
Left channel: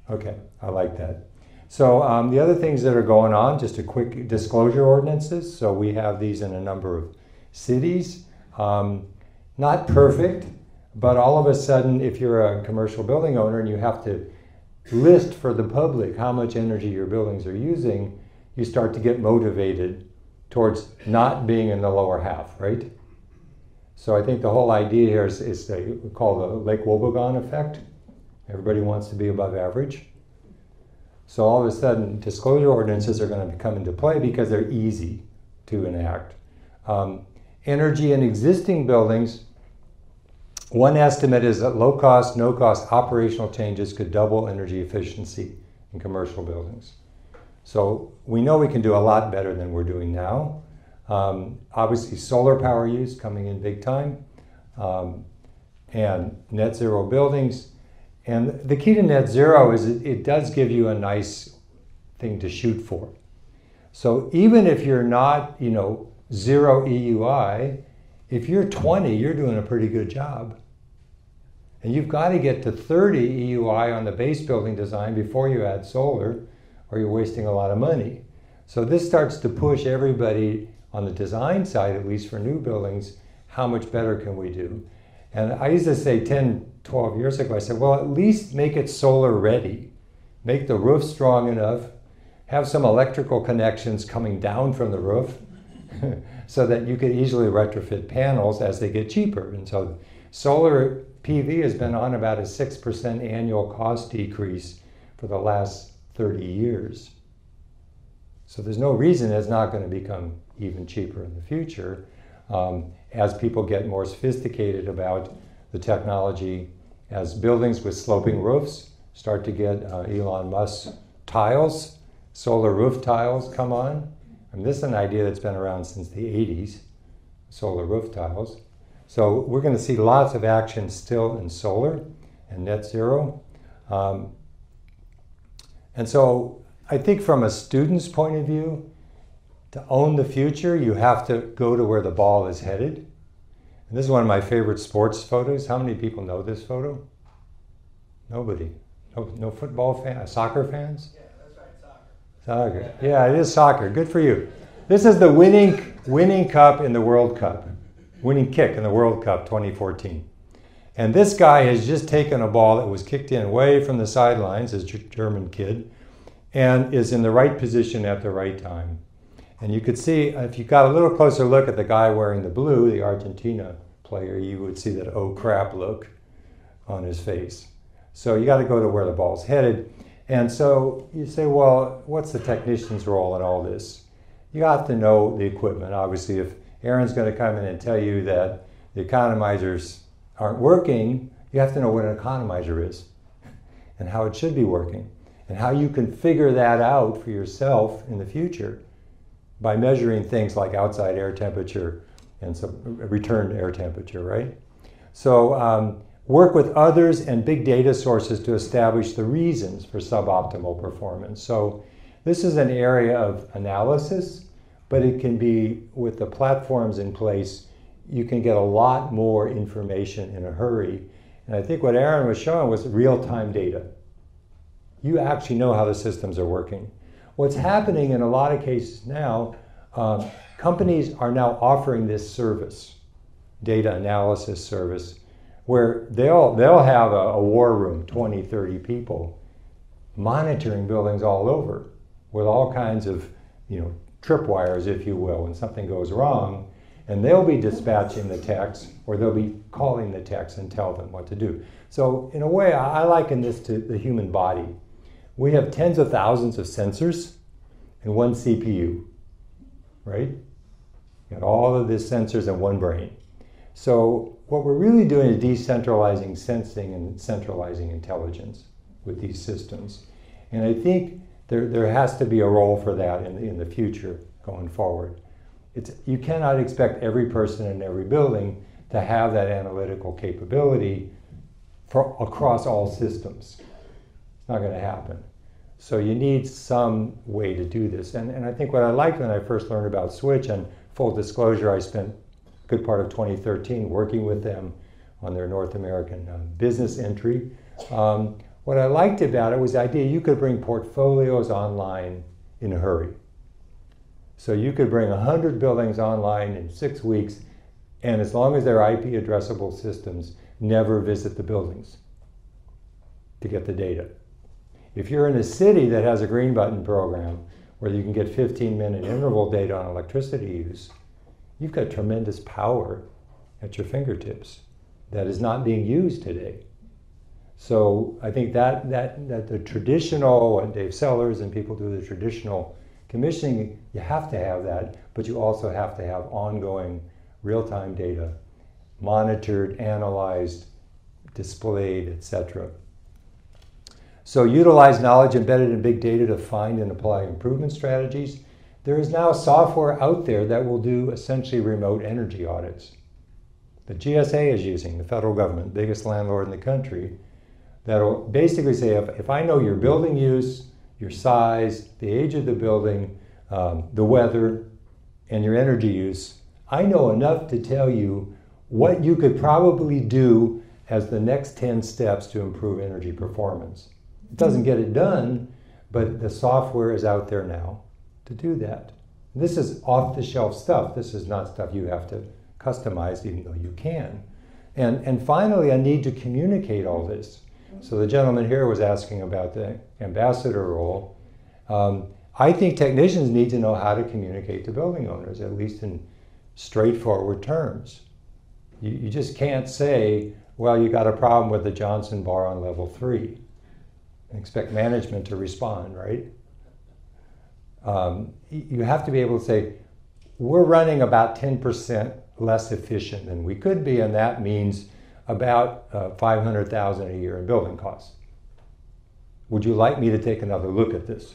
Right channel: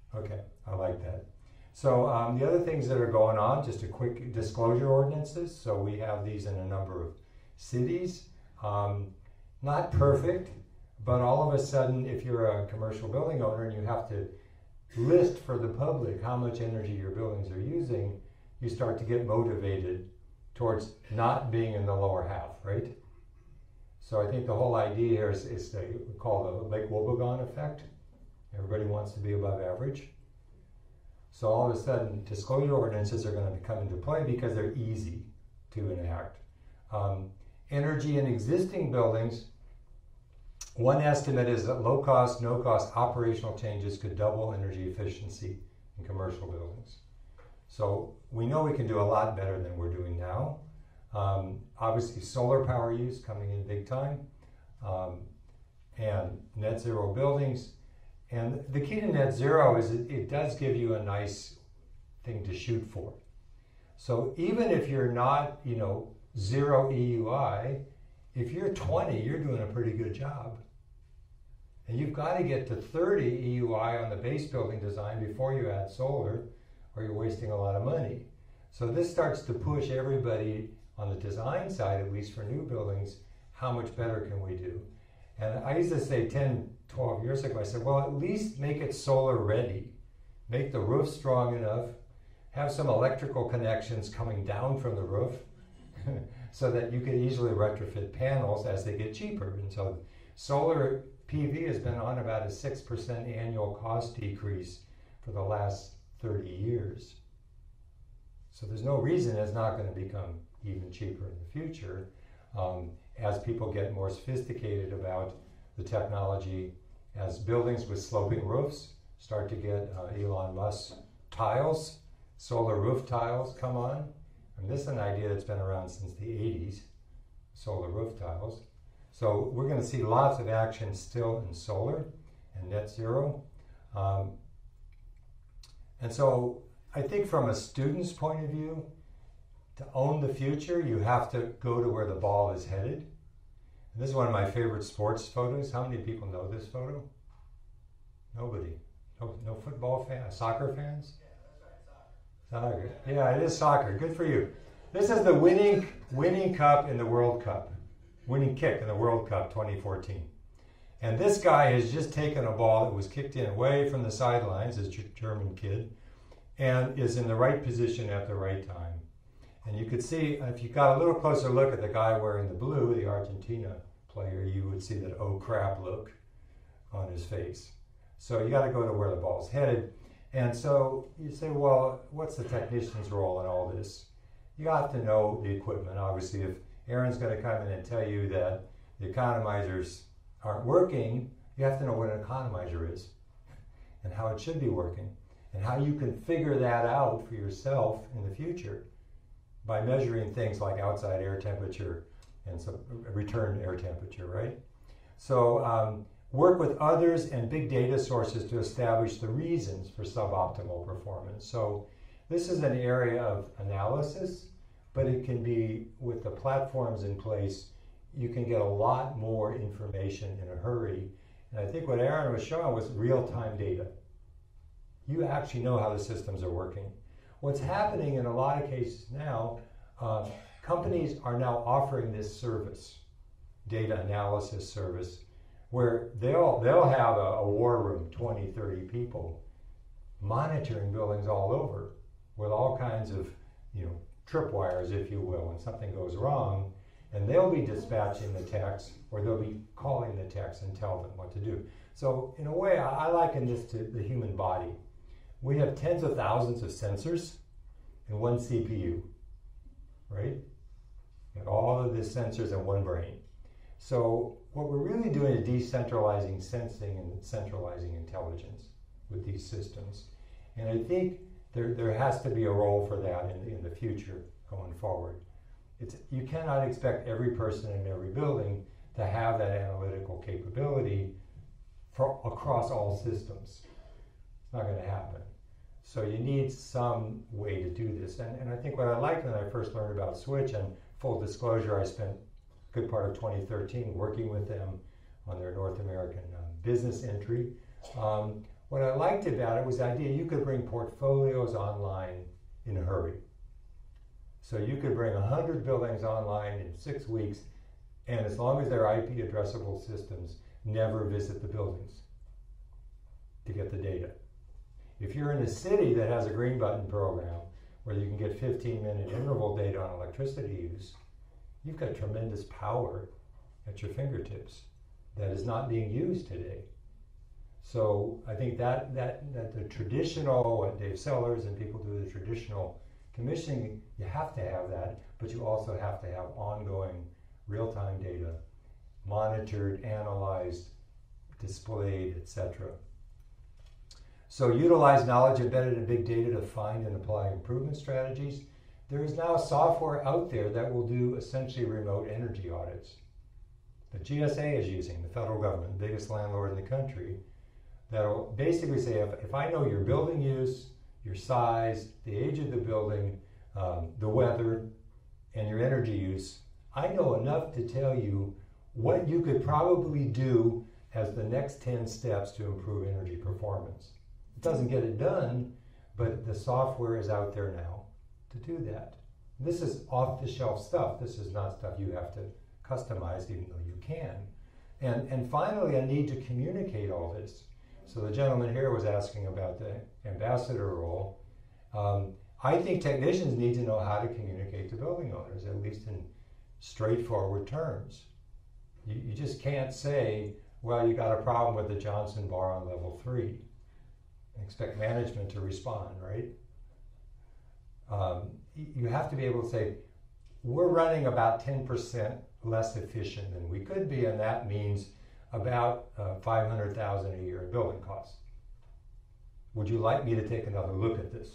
Okay, I like that. So the other things that are going on, just a quick disclosure ordinances. So we have these in a number of cities. Not perfect, but all of a sudden, if you're a commercial building owner and you have to list for the public how much energy your buildings are using, you start to get motivated towards not being in the lower half, right? So I think the whole idea here is called the Lake Wobegon effect. Everybody wants to be above average. So all of a sudden, disclosure ordinances are going to come into play because they're easy to enact. Energy in existing buildings, one estimate is that low-cost, no-cost operational changes could double energy efficiency in commercial buildings. So we know we can do a lot better than we're doing now. Obviously, solar power use coming in big time, and net zero buildings. And the key to net zero is it does give you a nice thing to shoot for. So even if you're not, zero EUI, if you're 20, you're doing a pretty good job. And you've got to get to 30 EUI on the base building design before you add solar, or you're wasting a lot of money. So this starts to push everybody on the design side, at least for new buildings, how much better can we do? And I used to say 10, 12 years ago, I said, well, at least make it solar ready. Make the roof strong enough, have some electrical connections coming down from the roof so that you could easily retrofit panels as they get cheaper. And so solar PV has been on about a 6% annual cost decrease for the last 30 years. So there's no reason it's not going to become even cheaper in the future as people get more sophisticated about the technology, as buildings with sloping roofs start to get Elon Musk tiles, solar roof tiles come on. I mean, this is an idea that's been around since the 80s, solar roof tiles. So we're going to see lots of action still in solar and net zero. And so I think from a student's point of view, to own the future, you have to go to where the ball is headed. And this is one of my favorite sports photos. How many people know this photo? Nobody. No football fans, soccer fans? Yeah, that's right, soccer. Soccer. Yeah, it is soccer. Good for you. This is the winning cup in the World Cup. Winning kick in the World Cup 2014. And this guy has just taken a ball that was kicked in way from the sidelines, this German kid, and is in the right position at the right time. And you could see, if you got a little closer look at the guy wearing the blue, the Argentina player, you would see that oh crap look on his face. So you got to go to where the ball's headed. And so you say, well, what's the technician's role in all this? You have to know the equipment. Obviously, if Aaron's going to come in and tell you that the economizers aren't working, you have to know what an economizer is and how it should be working and how you can figure that out for yourself in the future by measuring things like outside air temperature and some return air temperature, right? So work with others and big data sources to establish the reasons for suboptimal performance. So this is an area of analysis, but it can be, with the platforms in place, you can get a lot more information in a hurry. And I think what Aaron was showing was real-time data. You actually know how the systems are working. What's happening in a lot of cases now, companies are now offering this service, data analysis service, where they'll have a war room, 20, 30 people, monitoring buildings all over with all kinds of, tripwires, if you will, when something goes wrong, and they'll be dispatching the techs, or they'll be calling the techs and tell them what to do. So in a way, I liken this to the human body. We have tens of thousands of sensors and one CPU, right? You got all of these sensors in one brain. So what we're really doing is decentralizing sensing and centralizing intelligence with these systems. And I think there has to be a role for that in the future going forward. You cannot expect every person in every building to have that analytical capability across all systems. It's not going to happen. So you need some way to do this. And I think what I liked when I first learned about Switch, and full disclosure, I spent a good part of 2013 working with them on their North American business entry. What I liked about it was the idea you could bring portfolios online in a hurry. So you could bring 100 buildings online in 6 weeks, and as long as they're IP addressable systems, never visit the buildings to get the data. If you're in a city that has a green button program where you can get 15-minute interval data on electricity use, you've got tremendous power at your fingertips that is not being used today. So I think that the traditional, and Dave Sellers and people do the traditional commissioning, you have to have that, but you also have to have ongoing real-time data, monitored, analyzed, displayed, etc. So utilize knowledge embedded in big data to find and apply improvement strategies. There is now software out there that will do essentially remote energy audits. The GSA is using, the federal government, biggest landlord in the country, that'll basically say, if I know your building use, your size, the age of the building, the weather, and your energy use, I know enough to tell you what you could probably do as the next 10 steps to improve energy performance. It doesn't get it done, but the software is out there now to do that. This is off-the-shelf stuff. This is not stuff you have to customize, even though you can. And finally, I need to communicate all this. So the gentleman here was asking about the ambassador role. I think technicians need to know how to communicate to building owners, at least in straightforward terms. You just can't say, well, you got a problem with the Johnson bar on level 3 and expect management to respond, right? You have to be able to say, we're running about 10% less efficient than we could be, and that means about $500,000 a year in building costs. Would you like me to take another look at this?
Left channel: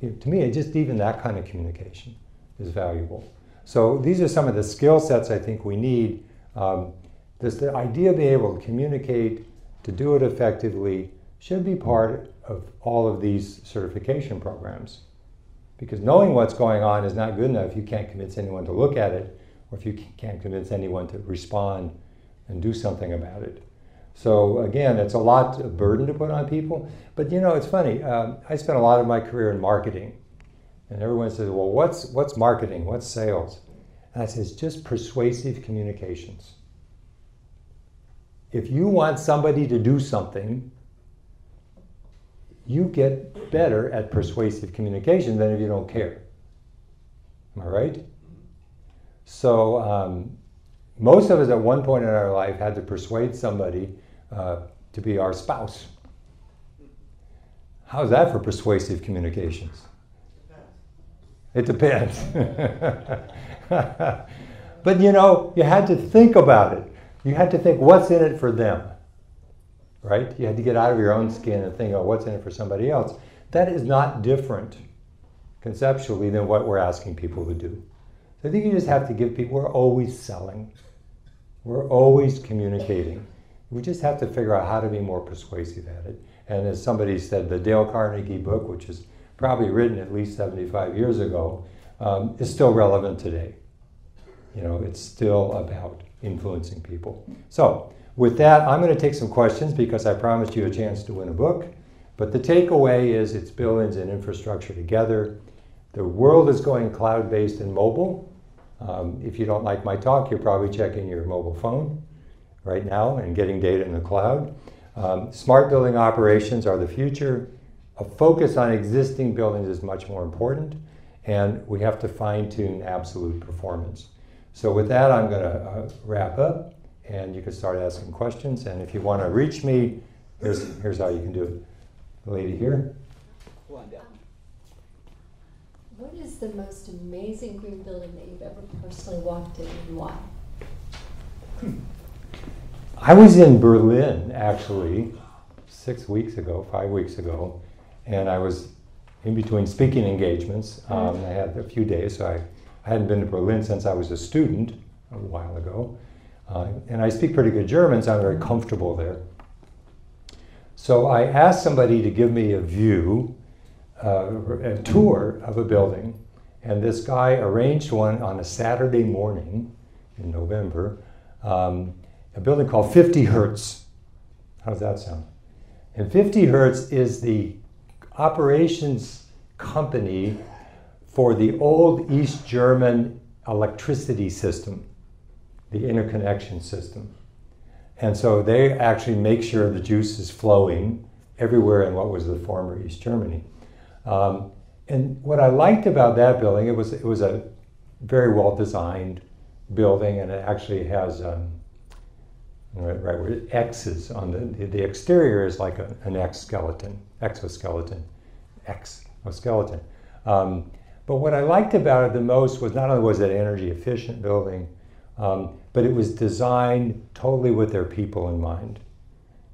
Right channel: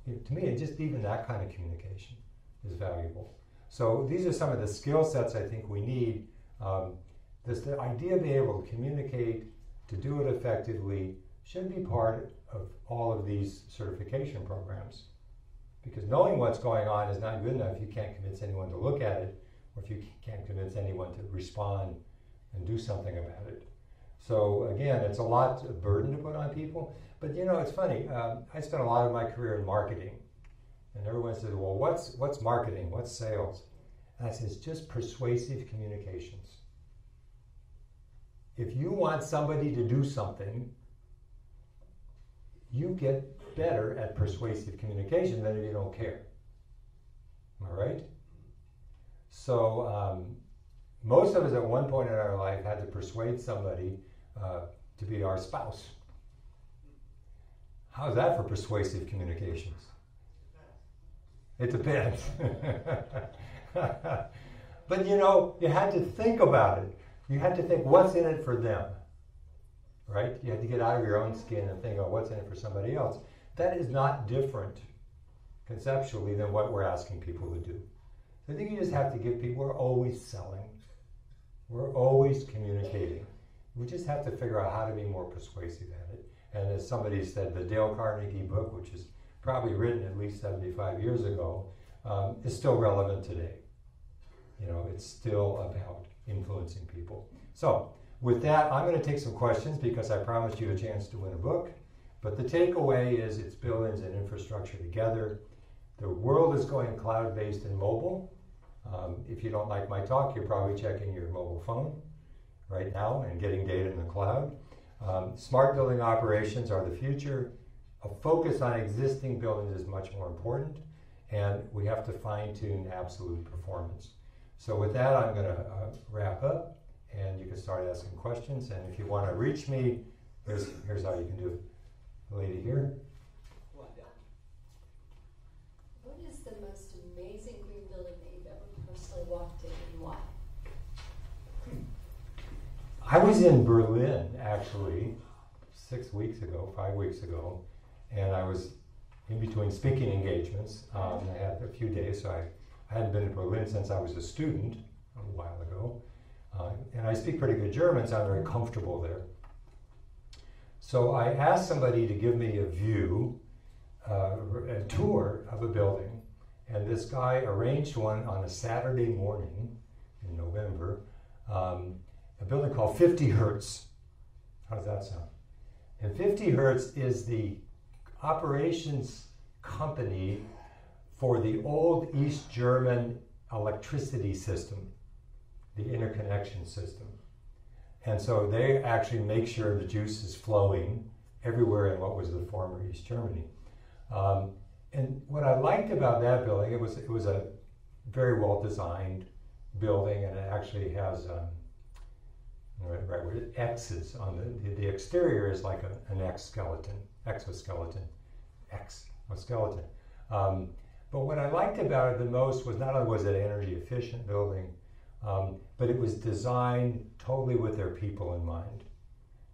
To me, just even that kind of communication is valuable. So these are some of the skill sets I think we need. The idea of being able to communicate, to do it effectively, should be part of all of these certification programs. Because knowing what's going on is not good enough if you can't convince anyone to look at it, or if you can't convince anyone to respond and do something about it. So again, it's a lot of burden to put on people. But you know, it's funny, I spent a lot of my career in marketing. And everyone says, well, what's marketing? What's sales? And I say, it's just persuasive communications. If you want somebody to do something, you get better at persuasive communication than if you don't care. Am I right? So most of us at one point in our life had to persuade somebody to be our spouse. How's that for persuasive communications? It depends. But you know, you had to think about it. You had to think, what's in it for them? Right? You had to get out of your own skin and think, oh, what's in it for somebody else? That is not different conceptually than what we're asking people to do. So I think you just have to give people, we're always selling. We're always communicating. We just have to figure out how to be more persuasive at it. And as somebody said, the Dale Carnegie book, which is probably written at least 75 years ago, is still relevant today. You know, it's still about influencing people. So with that, I'm going to take some questions because I promised you a chance to win a book. But the takeaway is it's buildings and infrastructure together. The world is going cloud-based and mobile. If you don't like my talk, you're probably checking your mobile phone right now and getting data in the cloud. Smart building operations are the future. A focus on existing buildings is much more important, and we have to fine-tune absolute performance. So with that, I'm going to wrap up, and you can start asking questions. And if you want to reach me, here's how you can do it. The lady here. What is the most amazing green building that you've ever personally walked in, and why? I was in Berlin, actually, 5 weeks ago, and I was in between speaking engagements. I had a few days, so I hadn't been to Berlin since I was a student a while ago. And I speak pretty good German, so I'm very comfortable there. So I asked somebody to give me a view, a tour of a building, and this guy arranged one on a Saturday morning in November, a building called 50 Hertz. How does that sound? And 50 Hertz is the operations company for the old East German electricity system, the interconnection system. And so they actually make sure the juice is flowing everywhere in what was the former East Germany. And what I liked about that building, it was a very well-designed building, and it actually has right where X's on the exterior is like an exoskeleton. But what I liked about it the most was not only was it an energy efficient building, but it was designed totally with their people in mind.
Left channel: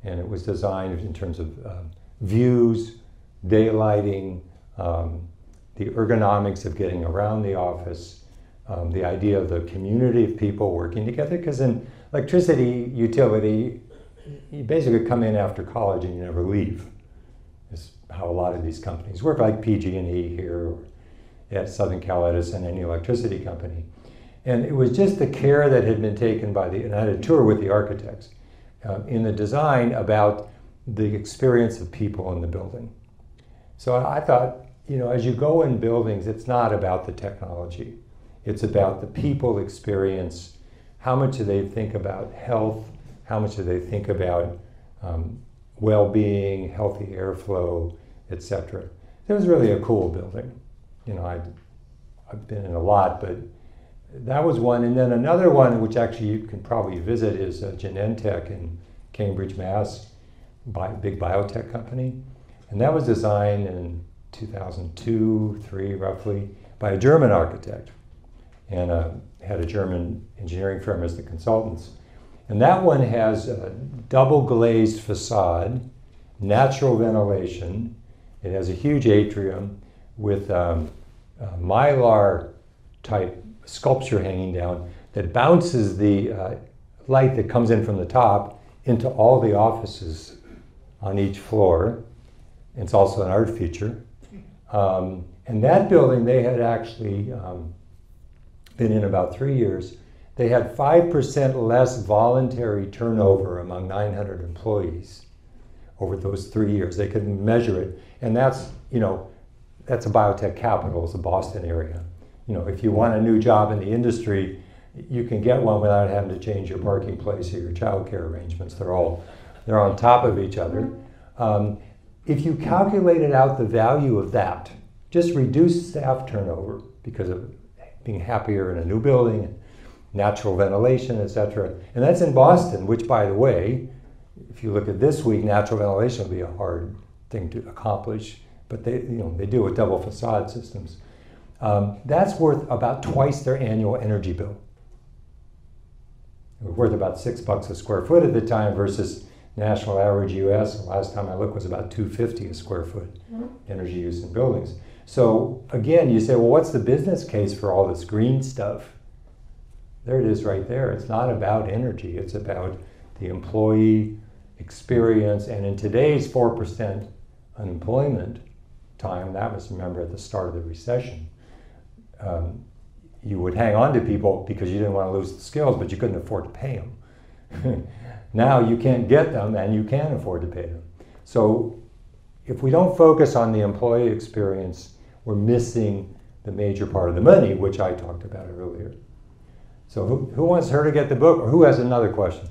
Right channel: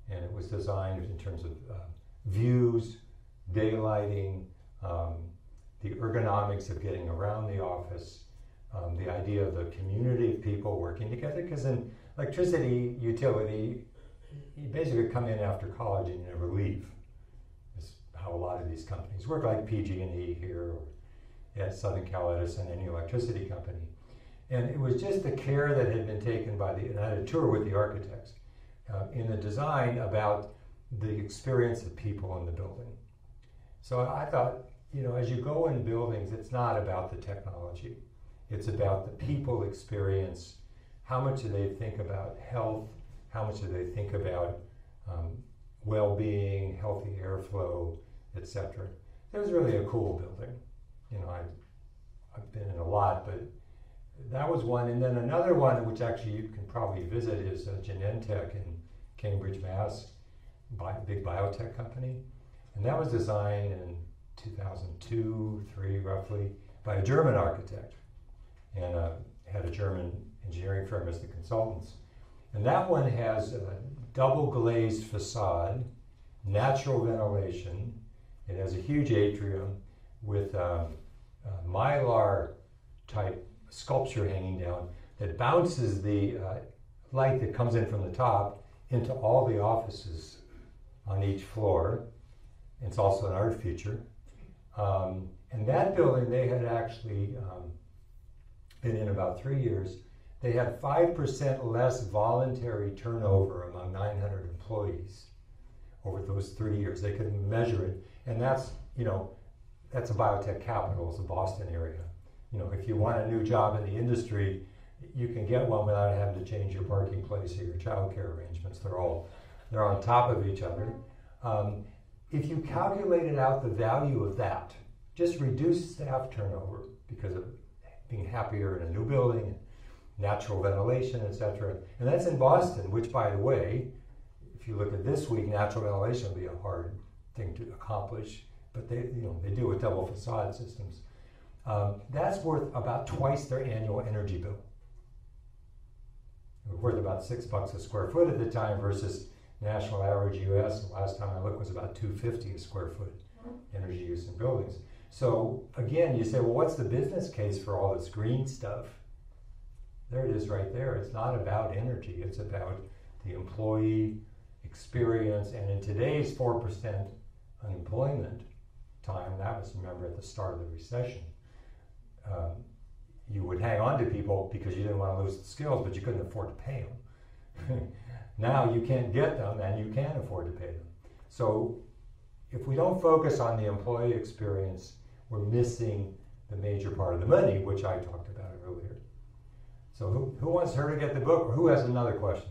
And it was designed in terms of views, daylighting, the ergonomics of getting around the office, the idea of the community of people working together. Because in electricity utility, you basically come in after college and you never leave. Is how a lot of these companies work, like PG&E here, or at Southern Cal Edison, any electricity company. And it was just the care that had been taken by and I had a tour with the architects in the design about the experience of people in the building. So I thought, you know, as you go in buildings, it's not about the technology. It's about the people experience. How much do they think about health? How much do they think about well-being, healthy airflow, etc.? It was really a cool building. You know, I've been in a lot, but that was one. And then another one, which actually you can probably visit, is Genentech in Cambridge, Mass, big biotech company. And that was designed in 2002, 3 roughly, by a German architect. And had a German engineering firm as the consultants. And that one has a double glazed facade, natural ventilation. It has a huge atrium with mylar type sculpture hanging down that bounces the light that comes in from the top into all the offices on each floor. It's also an art feature. And that building, they had actually been in about 3 years. They had 5% less voluntary turnover among 900 employees over those 3 years. They could measure it. And that's, you know, that's a biotech capital, it's the Boston area. You know, if you want a new job in the industry, you can get one without having to change your parking place or your childcare arrangements. They're on top of each other. If you calculated out the value of that, just reduce staff turnover because of being happier in a new building, natural ventilation, etc. And that's in Boston, which, by the way, if you look at this week, natural ventilation would be a hard thing to accomplish, but they do with double facade systems. That's worth about twice their annual energy bill. It was worth about $6 a square foot at the time versus national average US, last time I looked, was about $2.50 a square foot energy use in buildings. So again, you say, well, what's the business case for all this green stuff? There it is right there. It's not about energy, it's about the employee experience. And in today's 4% unemployment time, that was, remember, at the start of the recession, you would hang on to people because you didn't want to lose the skills, but you couldn't afford to pay them. Now you can't get them and you can afford to pay them. So if we don't focus on the employee experience, we're missing the major part of the money, which I talked about earlier. So who wants her to get the book, or who has another question?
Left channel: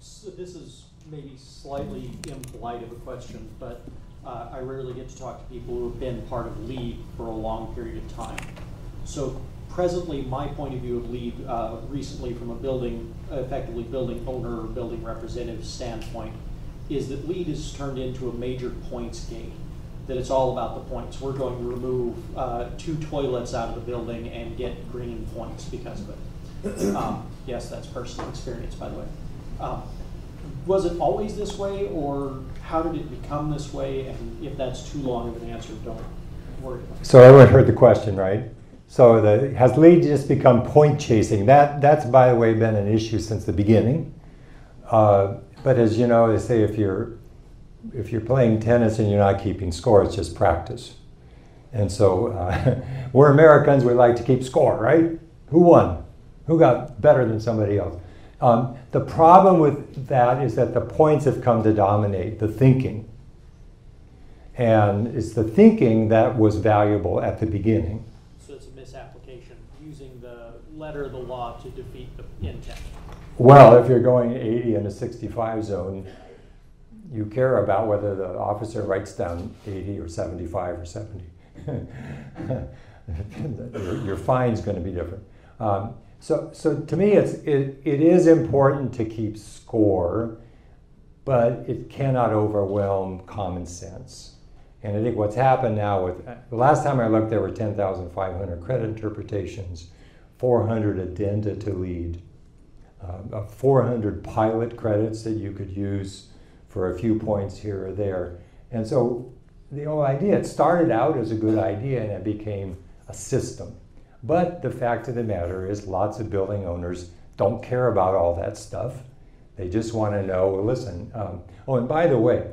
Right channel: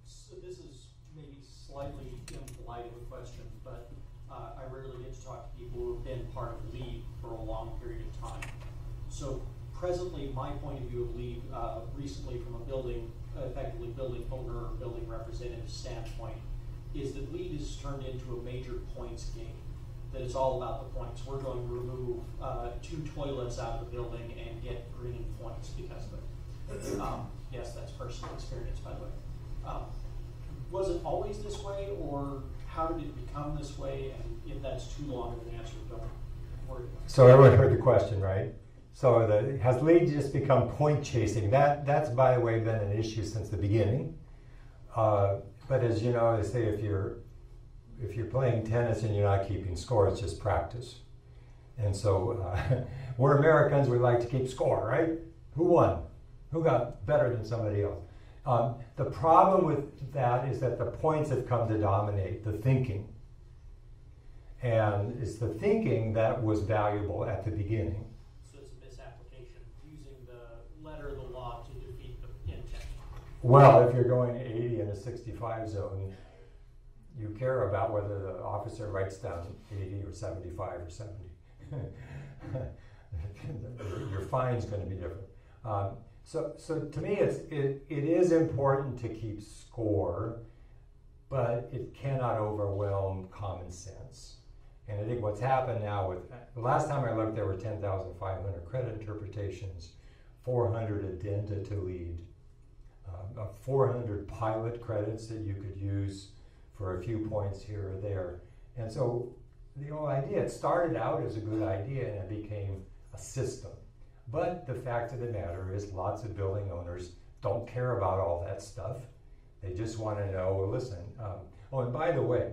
So this is maybe slightly impolite of a question, but I rarely get to talk to people who have been part of LEED for a long period of time. So presently, my point of view of LEED, recently from a effectively building owner or building representative standpoint, is that LEED has turned into a major points game. That it's all about the points. We're going to remove 2 toilets out of the building and get green points because of it. Yes, that's personal experience, by the way. Was it always this way, or how did it become this way? And if that's too long of an answer, don't worry about it. So everyone heard the question, right? So has LEED just become point chasing? That's, by the way, been an issue since the beginning. But as you know, they say if you're playing tennis and you're not keeping score, it's just practice. And so we're Americans, we like to keep score, right? Who won? Who got better than somebody else? The problem with that is that the points have come to dominate the thinking. And it's the thinking that was valuable at the beginning. So it's a misapplication, using the letter of the law to defeat the intent. Well, if you're going 80 in a 65 zone, you care about whether the officer writes down 80 or 75 or 70. Your fine's going to be different. So to me, it is important to keep score, but it cannot overwhelm common sense. And I think what's happened now with, the last time I looked, there were 10,500 credit interpretations, 400 addenda to LEED, 400 pilot credits that you could use for a few points here or there. And so the whole idea, it started out as a good idea and it became a system. But the fact of the matter is lots of building owners don't care about all that stuff. They just want to know, well, listen, oh, and by the way,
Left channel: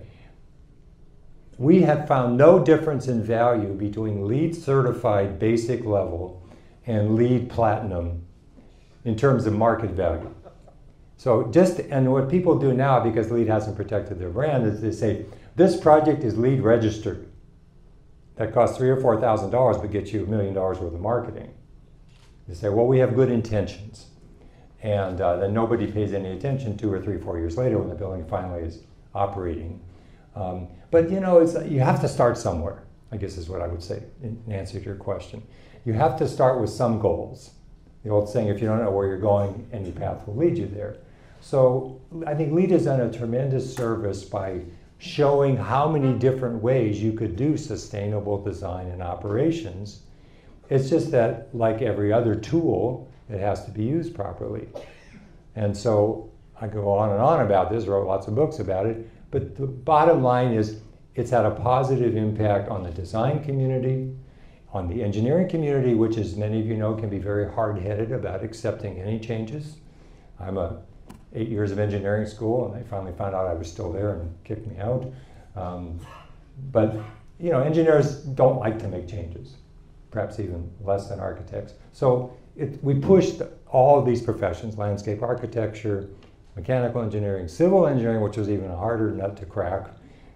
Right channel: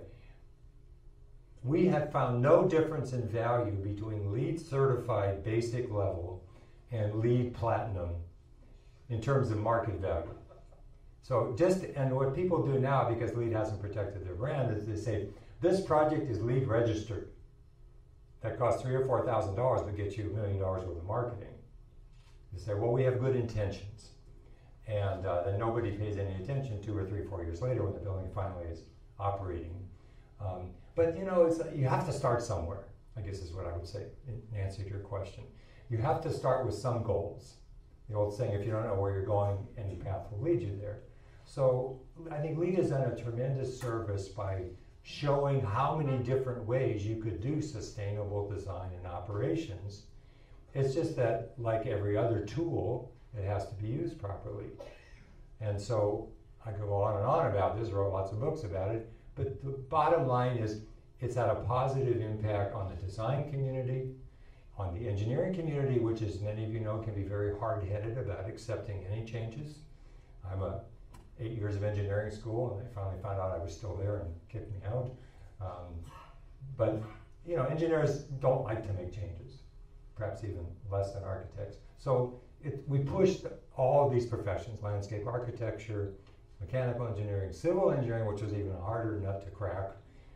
we have found no difference in value between LEED certified basic level and LEED Platinum in terms of market value. So and what people do now, because LEED hasn't protected their brand, is they say, this project is LEED registered. That costs $3,000 or $4,000, but gets you $1 million worth of marketing. They say, well, we have good intentions. And then nobody pays any attention 2 or 3, 4 years later when the building finally is operating. But you know, you have to start somewhere, I guess is what I would say in answer to your question. You have to start with some goals. The old saying, if you don't know where you're going, any path will lead you there. So I think LEED has done a tremendous service by showing how many different ways you could do sustainable design and operations. It's just that, like every other tool, it has to be used properly. And so I go on and on about this, wrote lots of books about it, but the bottom line is it's had a positive impact on the design community, on the engineering community, which, as many of you know, can be very hard-headed about accepting any changes. I'm 8 years of engineering school, and they finally found out I was still there and kicked me out. But you know, engineers don't like to make changes, perhaps even less than architects. So we pushed all of these professions, landscape architecture, mechanical engineering, civil engineering, which was even a harder nut to crack,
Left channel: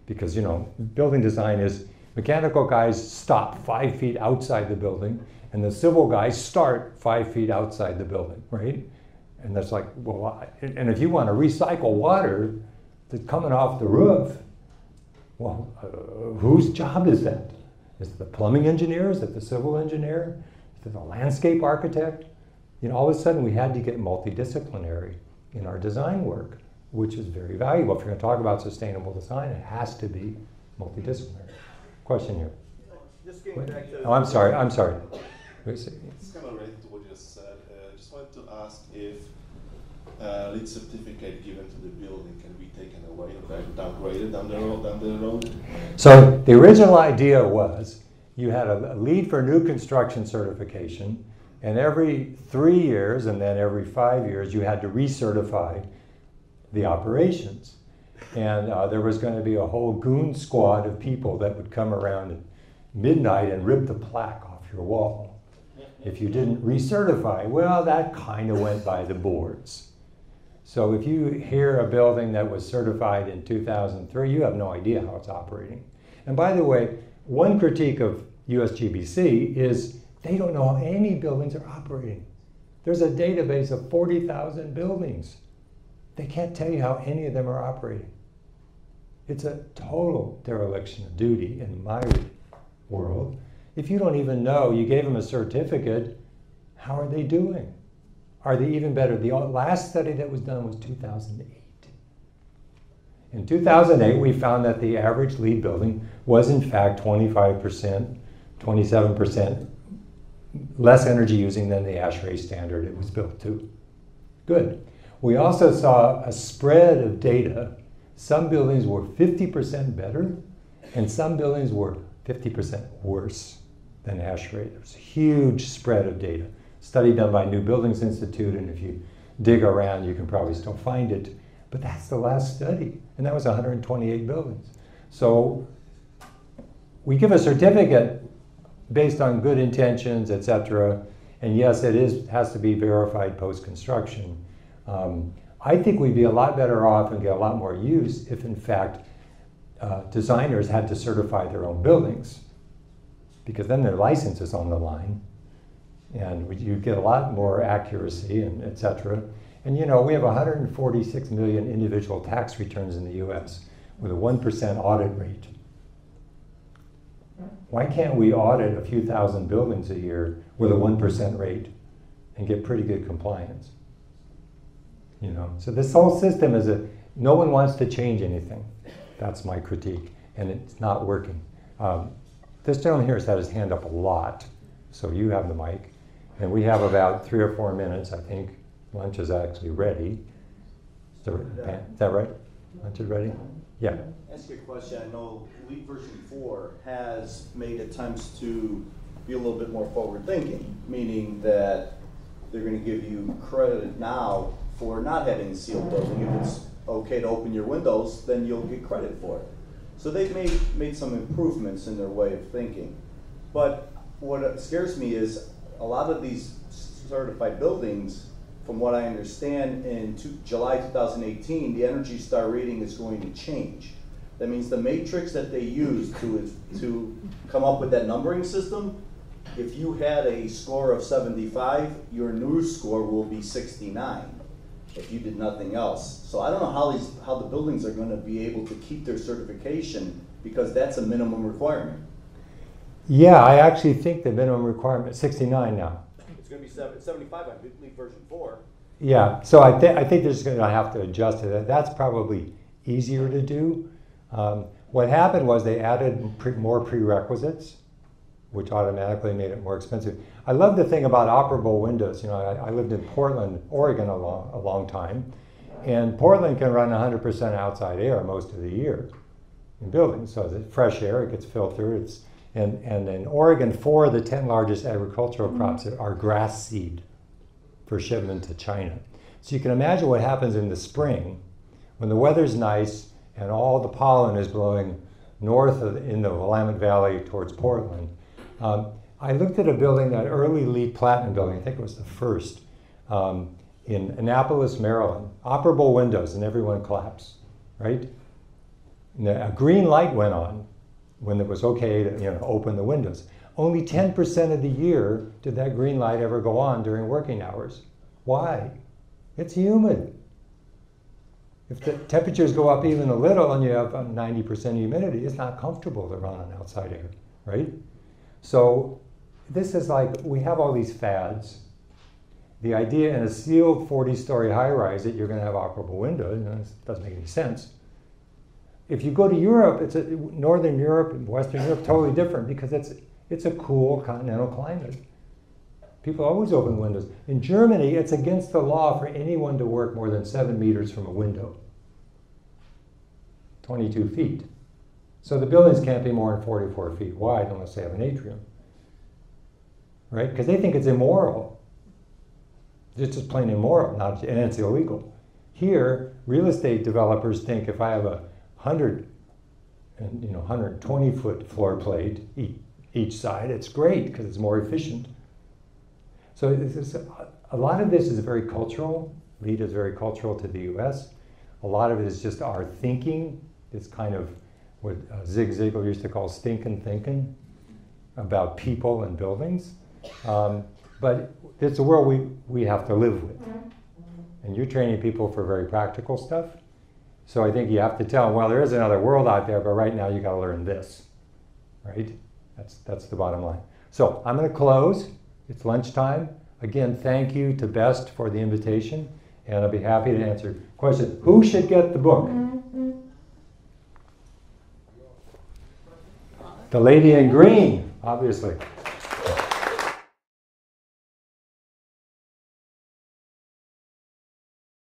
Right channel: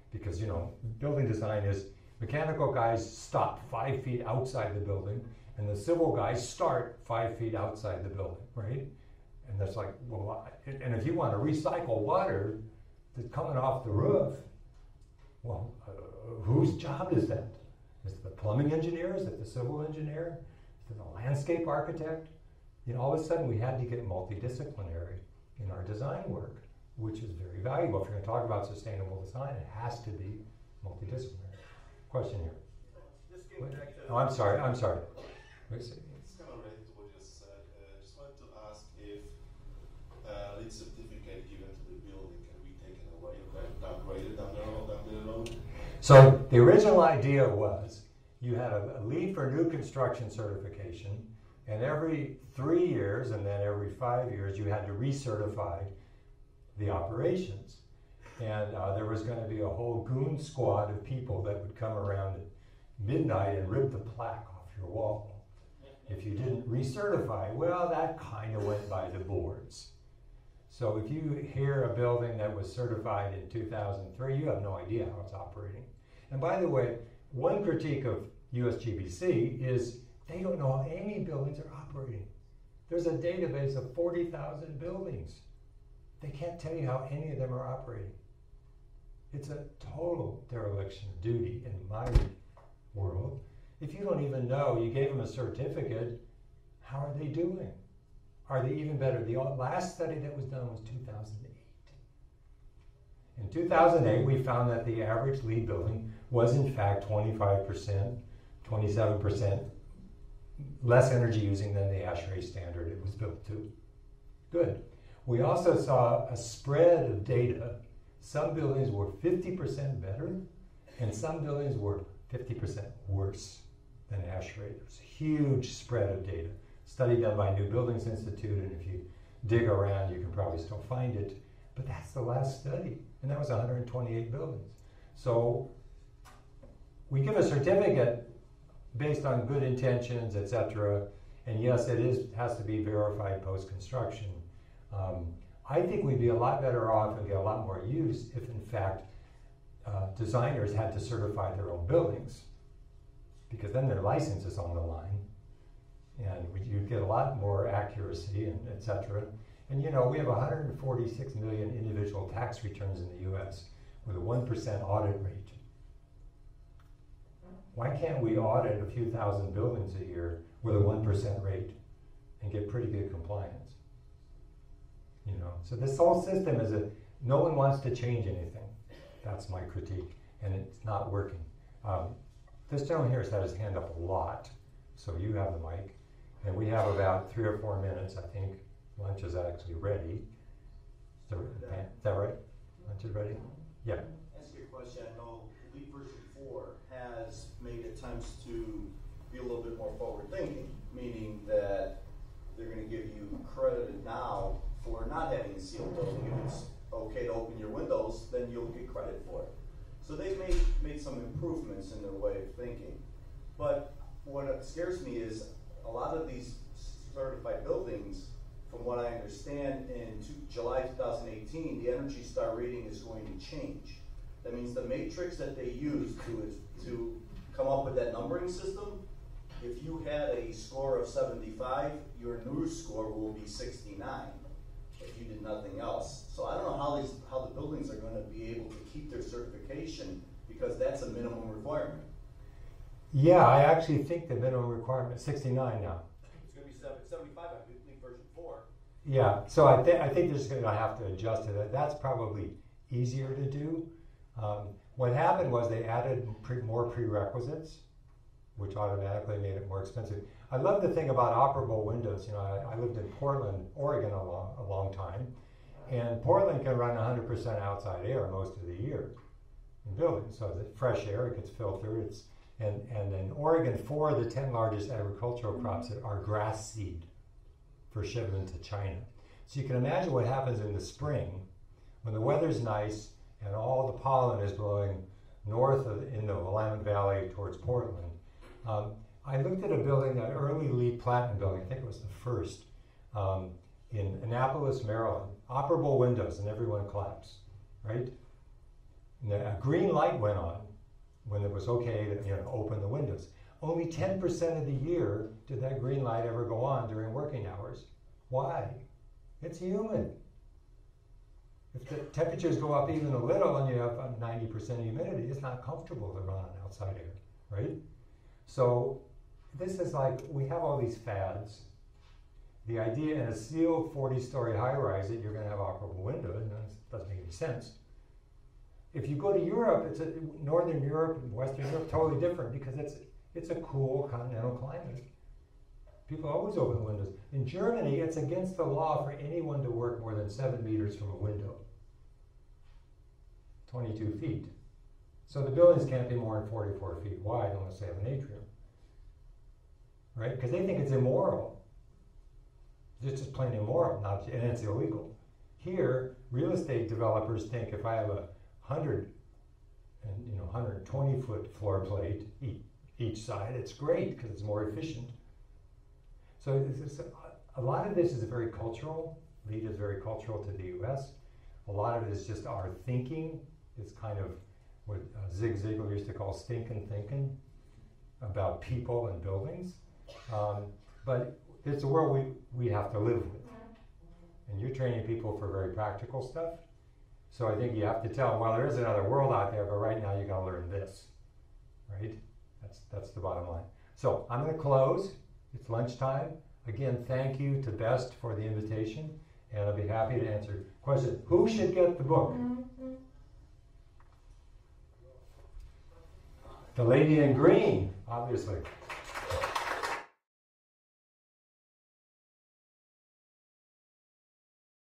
because you know, building design is mechanical guys stop 5 feet outside the building, and the civil guys start 5 feet outside the building, right? And that's like, well, and if you want to recycle water that's coming off the roof, well, whose job is that? Is it the plumbing engineer? Is it the civil engineer? Is it the landscape architect? You know, all of a sudden we had to get multidisciplinary in our design work, which is very valuable. If you're going to talk about sustainable design, it has to be multidisciplinary. Question here. Just getting back to... Oh, I'm sorry. It's kind of related to what you just said. Just wanted to ask if LEED certificate given to the building can be taken away and downgraded down the road? So the original idea was you had a LEED for new construction certification, and every 3 years and then every 5 years you had to recertify the operations. And there was going to be a whole goon squad of people that would come around at midnight and rip the plaque off your wall. If you didn't recertify, well, that kind of went by the boards. So if you hear a building that was certified in 2003, you have no idea how it's operating. And by the way, one critique of USGBC is they don't know how any buildings are operating. There's a database of 40,000 buildings. They can't tell you how any of them are operating. It's a total dereliction of duty in my world. If you don't even know, you gave them a certificate, how are they doing? Are they even better? The last study that was done was 2008. In 2008, we found that the average LEED building was in fact 25%, 27% less energy using than the ASHRAE standard it was built to. Good. We also saw a spread of data. Some buildings were 50% better, and some buildings were 50% worse than ASHRAE. There's a huge spread of data. Study done by New Buildings Institute, and if you dig around, you can probably still find it. But that's the last study, and that was 128 buildings. So we give a certificate based on good intentions, et cetera, and yes, it has to be verified post-construction. I think we'd be a lot better off and get a lot more use if, in fact, designers had to certify their own buildings, because then their license is on the line, and you get a lot more accuracy, and et cetera. And you know, we have 146 million individual tax returns in the US with a 1% audit rate. Why can't we audit a few thousand buildings a year with a 1% rate and get pretty good compliance? You know, so this whole system is no one wants to change anything. That's my critique, and it's not working. This gentleman here has had his hand up a lot, so you have the mic, and we have about 3 or 4 minutes, I think. Lunch is actually ready. Is that right? Lunch is ready? Yeah. Ask you a question. I know LEED version 4 has made attempts to be a little bit more forward thinking, meaning that they're going to give you credit now for not having a sealed building. If it's okay to open your windows, then you'll get credit for it. So they've made some improvements in their way of thinking. But what scares me is a lot of these certified buildings, from what I understand, in July 2018, the Energy Star rating is going to change. That means the matrix that they use to come up with that numbering system, if you had a score of 75, your new score will be 69 if you did nothing else. So I don't know how the buildings are going to be able to keep their certification, because that's a minimum requirement. Yeah, I actually think the minimum requirement is 69 now. It's going to be 75, I believe, version 4. Yeah, so I think they're just going to have to adjust to that. That's probably easier to do. What happened was they added more prerequisites, which automatically made it more expensive. I love the thing about operable windows. You know, I lived in Portland, Oregon a long time, and Portland can run 100% outside air most of the year in buildings. So the fresh air, it gets filtered. And in Oregon, 4 of the 10 largest agricultural crops are grass seed for shipment to China. So you can imagine what happens in the spring when the weather's nice and all the pollen is blowing north in the Willamette Valley towards Portland. I looked at a building, that early LEED Platinum building, I think it was the first, in Annapolis, Maryland. Operable windows, and everyone claps, right? And a green light went on when it was okay to open the windows. Only 10% of the year did that green light ever go on during working hours. Why? It's humid. If the temperatures go up even a little and you have 90% humidity, it's not comfortable to run on outside air, right? So this is like, we have all these fads. The idea in a sealed 40-story high-rise that you're going to have operable windows, doesn't make any sense. If you go to Europe, Northern Europe and Western Europe, totally different, because it's a cool continental climate. People always open windows. In Germany, it's against the law for anyone to work more than 7 meters from a window, 22 feet. So the buildings can't be more than 44 feet wide unless they have an atrium, right? Because they think it's immoral. It's just plain immoral, and it's illegal. Here, real estate developers think if I have a 120-foot floor plate each side, it's great because it's more efficient. So a lot of this is very cultural. LEED is very cultural to the US. A lot of it is just our thinking. It's kind of what Zig Ziglar used to call stinking thinking about people and buildings. But it's a world we have to live with. And you're training people for very practical stuff. So I think you have to tell them, well, there is another world out there, but right now you got to learn this, right? That's the bottom line. So I'm going to close. It's lunchtime. Again, thank you to Best for the invitation, and I'll be happy to answer questions. Who should get the book? The lady in green, obviously.